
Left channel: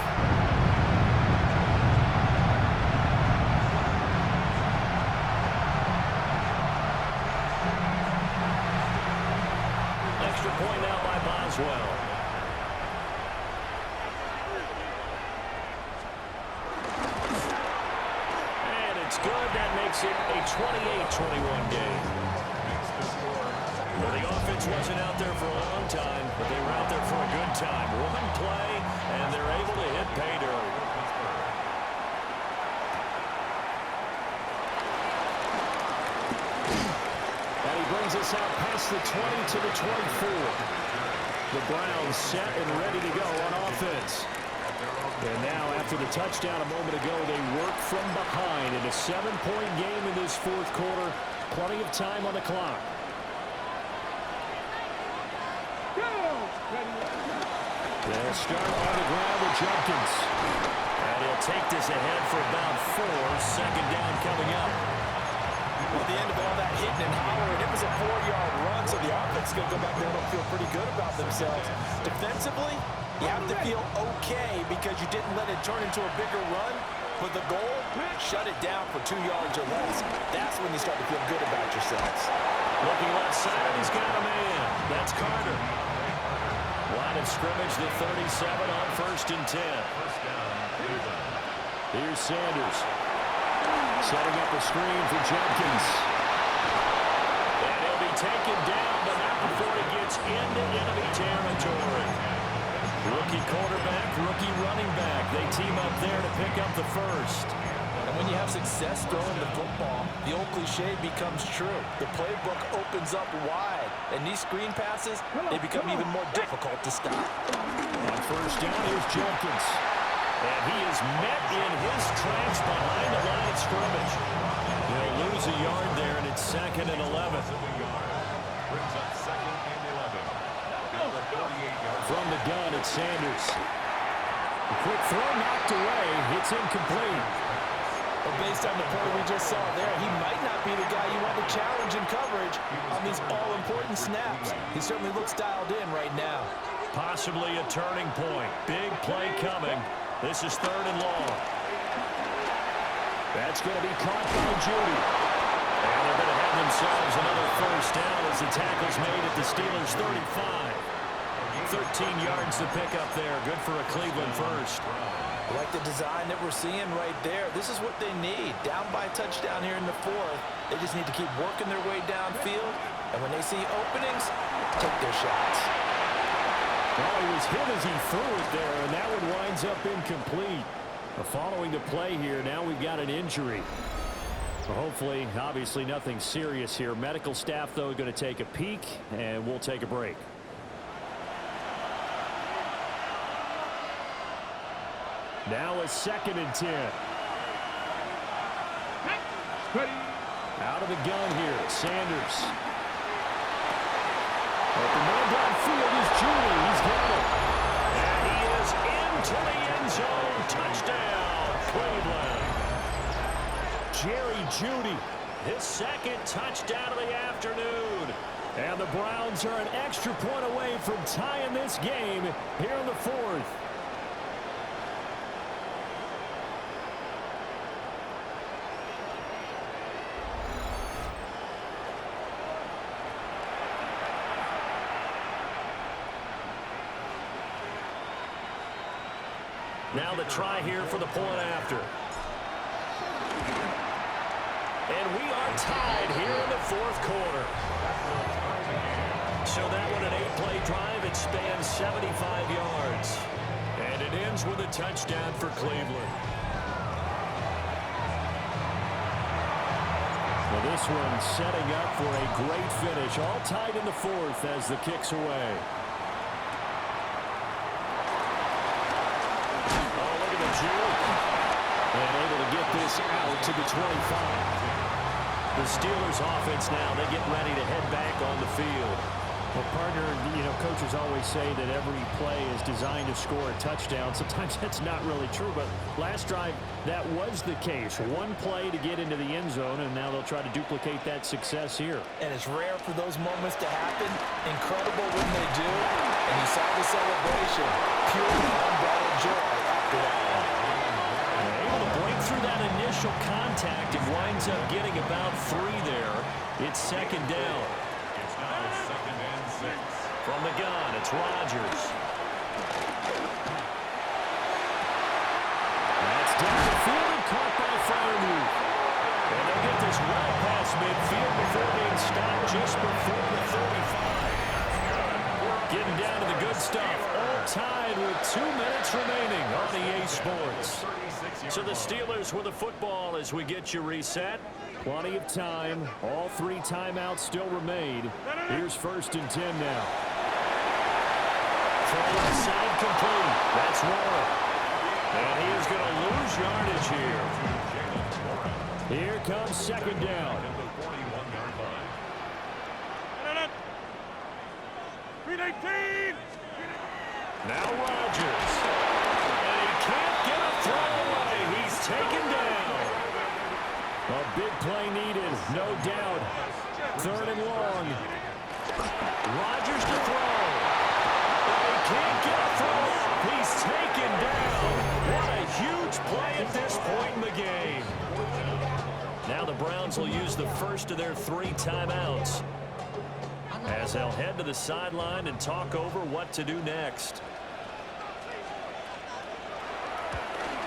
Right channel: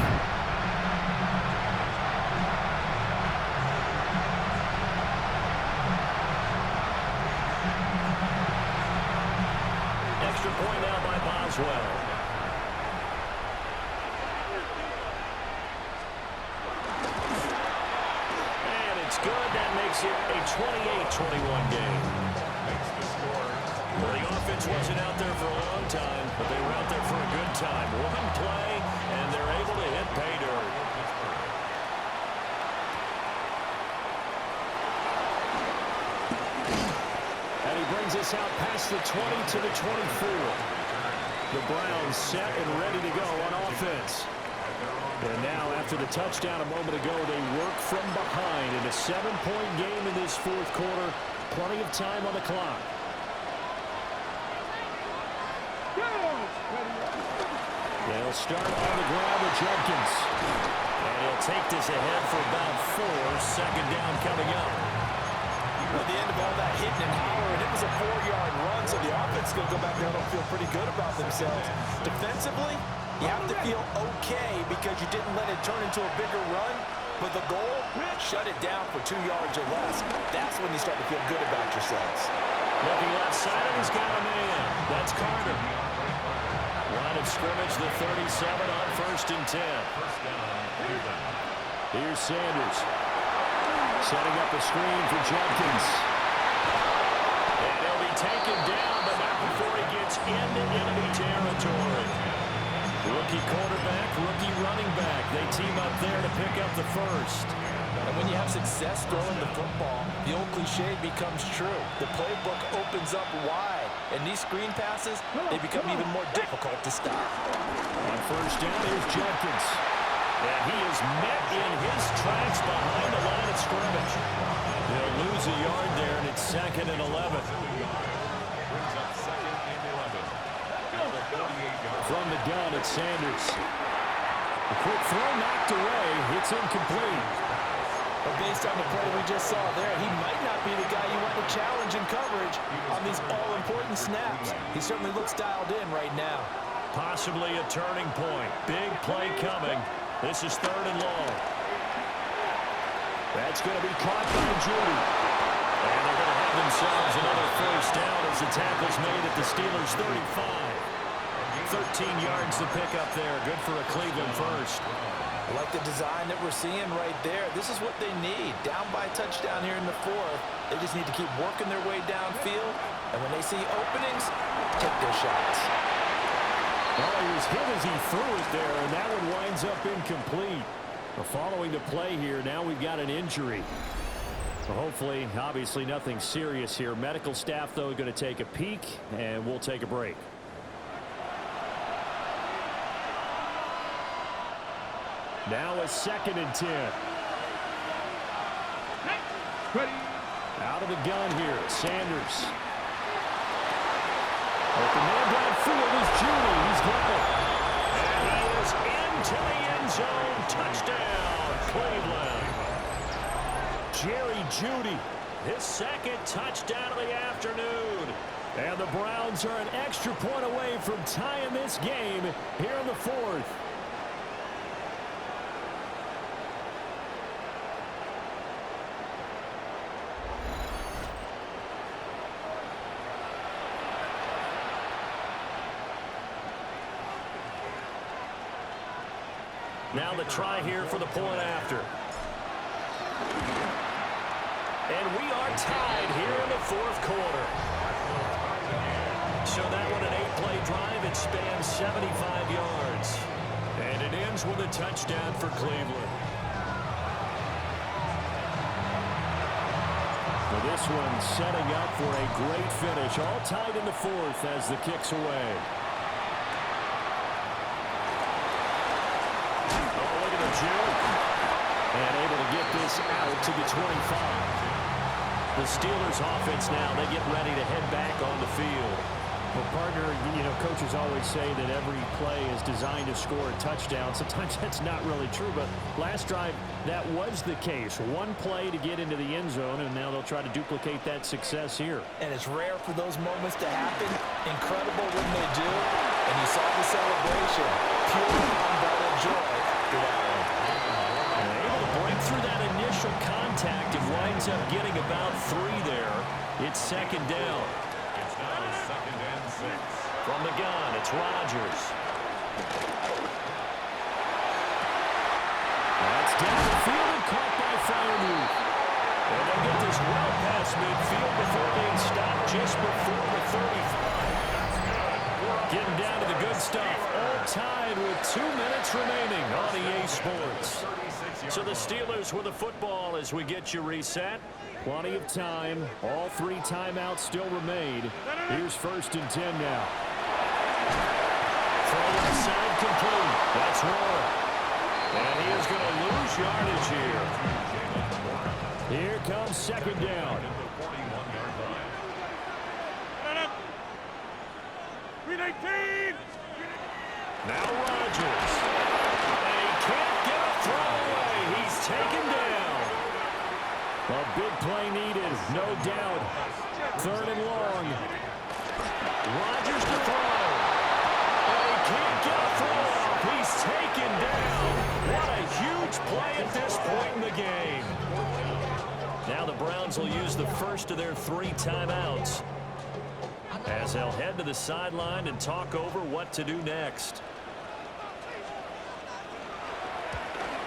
Extra point now by Boswell. And it's good. That makes it a 28-21 game. Well, the offense wasn't out there for a long time, but they were out there for a good time. One play, and they're able to hit pay dirt. And he brings us out past the 20 to the 24. The Browns set and ready to go on offense. And now, after the touchdown a moment ago, they work from behind in a 7-point game in this fourth quarter. Plenty of time on the clock. They'll start on the ground with Judkins. And he'll take this ahead for about 4. Second down coming up. Well, the end of all that hitting and hollering, it was a 4-yard run, so the offense is going to go back there and feel pretty good about themselves. Defensively, you have to feel okay because you didn't let it turn into a bigger run, but the goal, shut it down for 2 yards or less. That's when you start to feel good about yourselves. Looking left side, and he's got a man. That's Carter. Line of scrimmage, the 37 on 1st and 10. Here's Sanders. Setting up a screen for Judkins. And he'll be taken down, but not before he gets into enemy territory. Rookie quarterback, rookie running back. They team up there to pick up the first. And when you have success throwing the football, the old cliche becomes true. The playbook opens up wide, and these screen passes, they become even more difficult to stop. On first down, here's Jenkins. And he is met in his tracks behind the line of scrimmage. They'll lose a yard there, and it's 2nd and 11. Brings up 2nd and 11. Down the 48-yard. From the gun, it's Sanders. A quick throw knocked away. It's incomplete. But based on the play we just saw there, he might not be the guy you want to challenge in coverage on these all-important snaps. He certainly looks dialed in right now. Possibly a turning point. Big play coming. This is 3rd and long. That's going to be caught by Judy. And they're going to have themselves another first down as the tackle's made at the Steelers' 35. 13 yards to pick up there. Good for a Cleveland first. I like the design that we're seeing right there. This is what they need. Down by touchdown here in the 4th. They just need to keep working their way downfield. And when they see openings, take their shots. Well, he was hit as he threw it there, and that one winds up incomplete. Following the play here, now we've got an injury. So hopefully, obviously nothing serious here. Medical staff, though, going to take a peek, and we'll take a break. Now a 2nd and 10. Out of the gun here, Sanders. Open man downfield is Judy. He's got it. And he is into the end zone. Touchdown, Cleveland. Jerry Judy. His 2nd touchdown of the afternoon. And the Browns are an extra point away from tying this game here in the 4th. Now the try here for the point after. And we are tied here in the 4th quarter. So that one, an 8-play drive. It spans 75 yards. And it ends with a touchdown for Cleveland. Now this one setting up for a great finish. All tied in the 4th as the kick's away. Juke. And able to get this out to the 25. The Steelers offense now, they get ready to head back on the field. Well, partner, you know, coaches always say that every play is designed to score a touchdown. Sometimes that's not really true, but last drive, that was the case. One play to get into the end zone, and now they'll try to duplicate that success here. And it's rare for those moments to happen. Incredible when they do. And you saw the celebration. Pure, unbridled joy after that one. Able to break through that initial contact and winds up getting about 3 there. It's 2nd down. It's now 2nd and 6. From the gun, it's Rodgers. That's down the field and caught by Freiermuth. And they get this well past midfield before being stopped just before the 35. Getting down to the good stuff. All tied with 2 minutes remaining on EA Sports. So the Steelers with the football as we get you reset. Plenty of time. All 3 timeouts still remain. Here's 1st and 10 now. Throw left side complete. That's Warren. And he is going to lose yardage here. Here comes 2nd down. Now Rodgers. And he can't get a throw away. He's taken down. A big play needed, no doubt. 3rd and long. Rodgers to throw. And he can't get a throw off. He's taken down. What a huge play at this point in the game. Now the Browns will use the first of their 3 timeouts as they'll head to the sideline and talk over what to do next.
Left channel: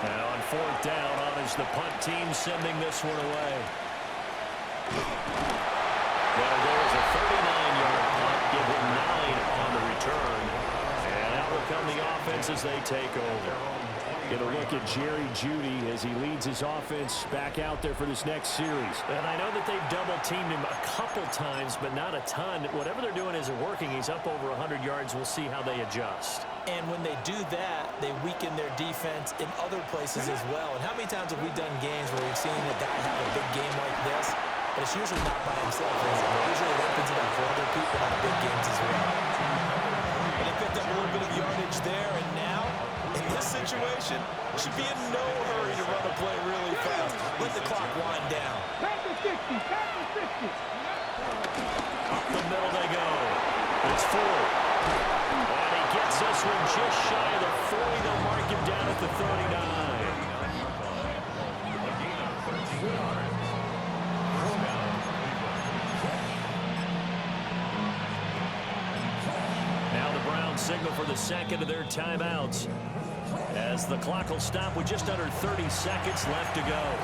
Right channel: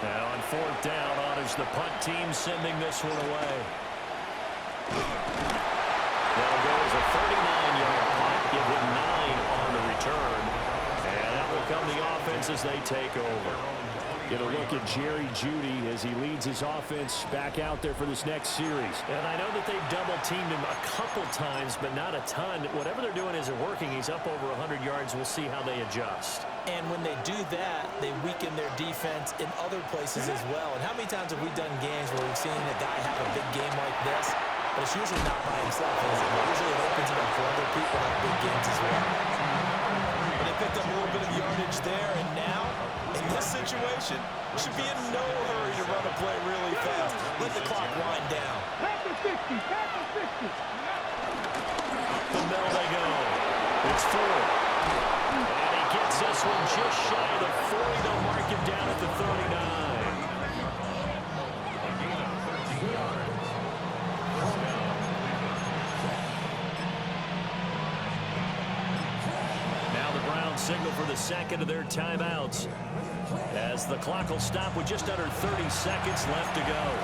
Now on 4th down, on is the punt team sending this one away. That'll go as a 39-yard punt, give him 9 on the return. And that will come the offense as they take over. Get a look at Jerry Jeudy as he leads his offense back out there for this next series. And I know that they've double-teamed him a couple times, but not a ton. Whatever they're doing isn't working. He's up over 100 yards. We'll see how they adjust. And when they do that, they weaken their defense in other places as well. And how many times have we done games where we've seen a guy have a big game like this, but it's usually not by himself, is it? Usually it opens it up for other people to have big games as well. But they picked up a little bit of yardage there, and now, in this situation, should be in no hurry to run a play really fast. Let the clock wind down. Pass the 50, pass the 50. Up the middle they go. It's 4. And he gets this one just shy of the 40. They'll mark him down at the 39. Now the Browns signal for the second of their timeouts, as the clock will stop with just under 30 seconds left to go.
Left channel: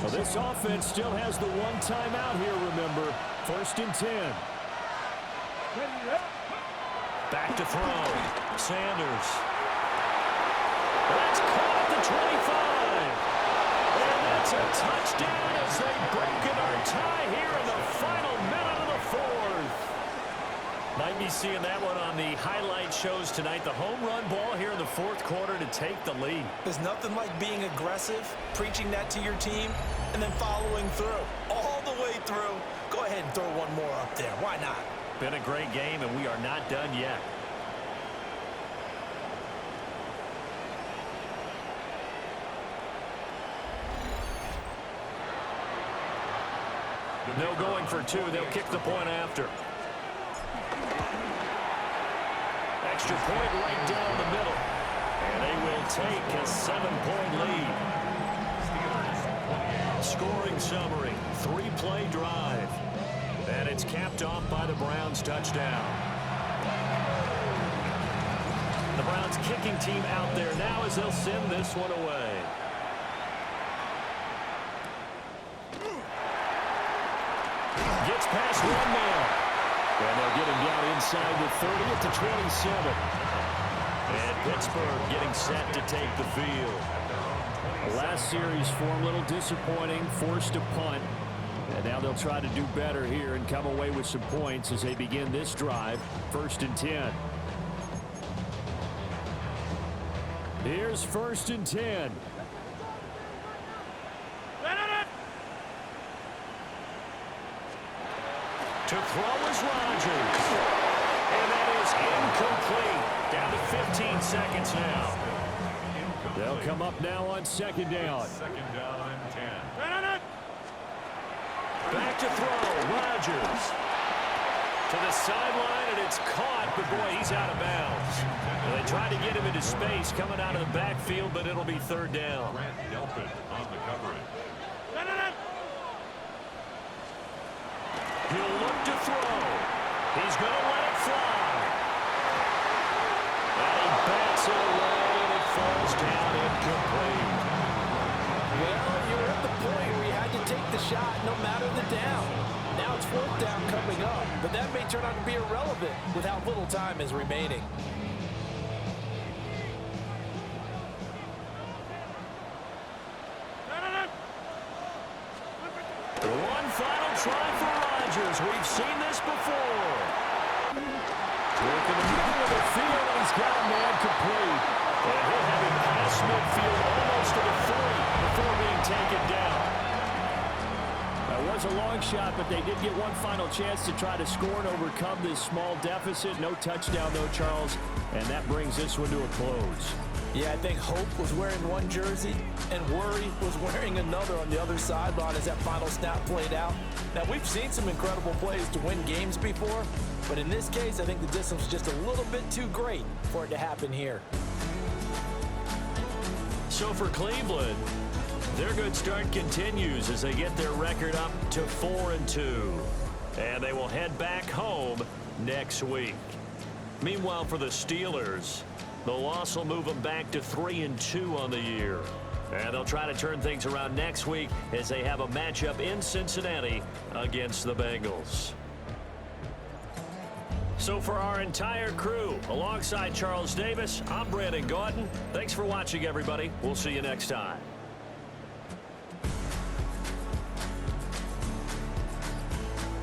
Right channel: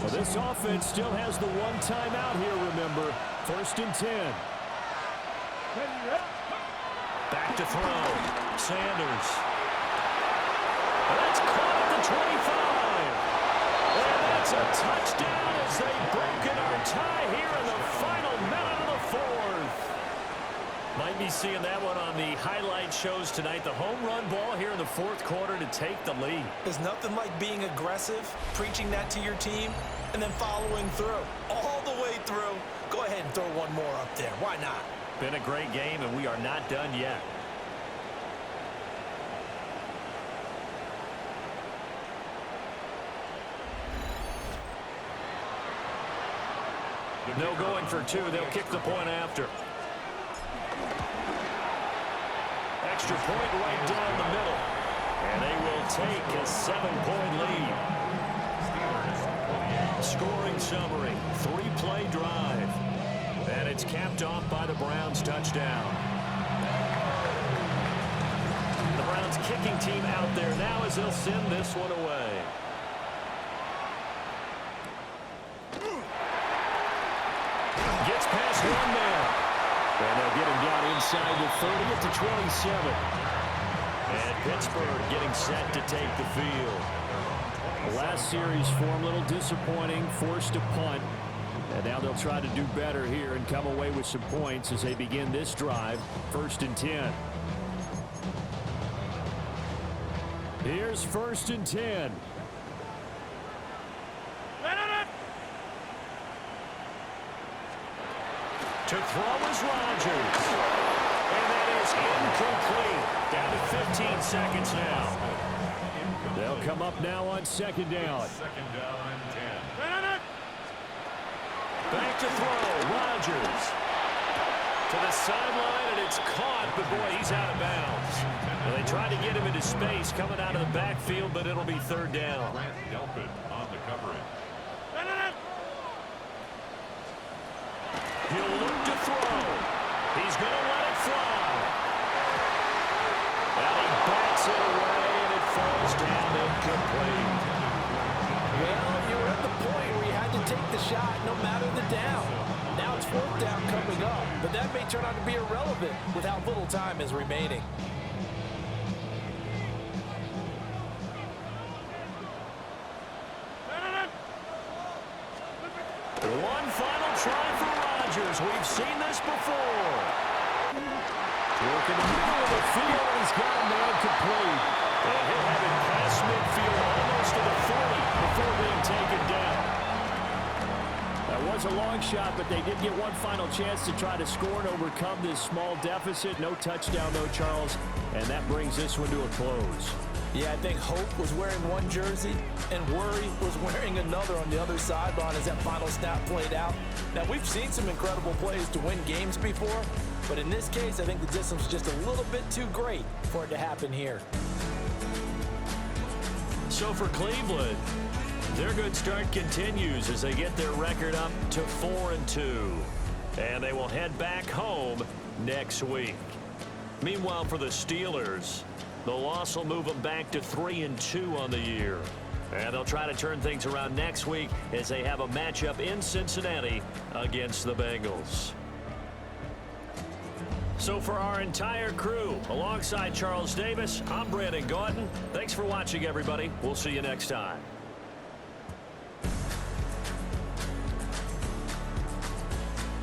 Well, this offense still has the one timeout here, remember. 1st and 10. Back to throw. Sanders. That's caught at the 25. And that's a touchdown as they've broken our tie here in the final minute of the 4th. Might be seeing that one on the highlight shows tonight. The home run ball here in the 4th quarter to take the lead. There's nothing like being aggressive, preaching that to your team, and then following through. All the way through. Go ahead and throw one more up there. Why not? Been a great game, and we are not done yet. No going for 2. They'll kick the point after. Extra point right down the middle. And they will take a 7-point lead. Scoring summary. 3-play drive. And it's capped off by the Browns' touchdown. The Browns kicking team out there now as they'll send this one away. Gets past one man. And they'll get him down inside the 30 at the 27. And Pittsburgh getting set to take the field. The last series for him, a little disappointing, forced to punt. And now they'll try to do better here and come away with some points as they begin this drive. 1st and 10. Here's 1st and 10. To throw is Rodgers. And that is incomplete. Down to 15 seconds now. They'll come up now on 2nd down. 2nd down and 10. Back to throw. Rodgers. To the sideline, and it's caught, but boy, he's out of bounds. Well, they tried to get him into space coming out of the backfield, but it'll be 3rd down. Grant Delpit on the coverage. He'll look to throw. He's going to let it fly. And he bats it away, and it falls down incomplete. Well, you were at the point where you had to take the shot no matter the down. Now it's 4th down coming up, but that may turn out to be irrelevant with how little time is remaining. One final try for Rodgers. We've seen this before. Working the middle of the field, and he's got a man complete. And he'll have it past midfield almost to the 40 before being taken down. That was a long shot, but they did get one final chance to try to score and overcome this small deficit. No touchdown, though, Charles, and that brings this one to a close. Yeah, I think Hope was wearing one jersey and Worry was wearing another on the other sideline as that final snap played out. Now, we've seen some incredible plays to win games before, but in this case, I think the distance was just a little bit too great for it to happen here. So for Cleveland, their good start continues as they get their record up to 4-2. and they will head back home next week. Meanwhile, for the Steelers, the loss will move them back to 3-2 on the year. And they'll try to turn things around next week as they have a matchup in Cincinnati against the Bengals. So for our entire crew, alongside Charles Davis, I'm Brandon Gauton. Thanks for watching, everybody. We'll see you next time.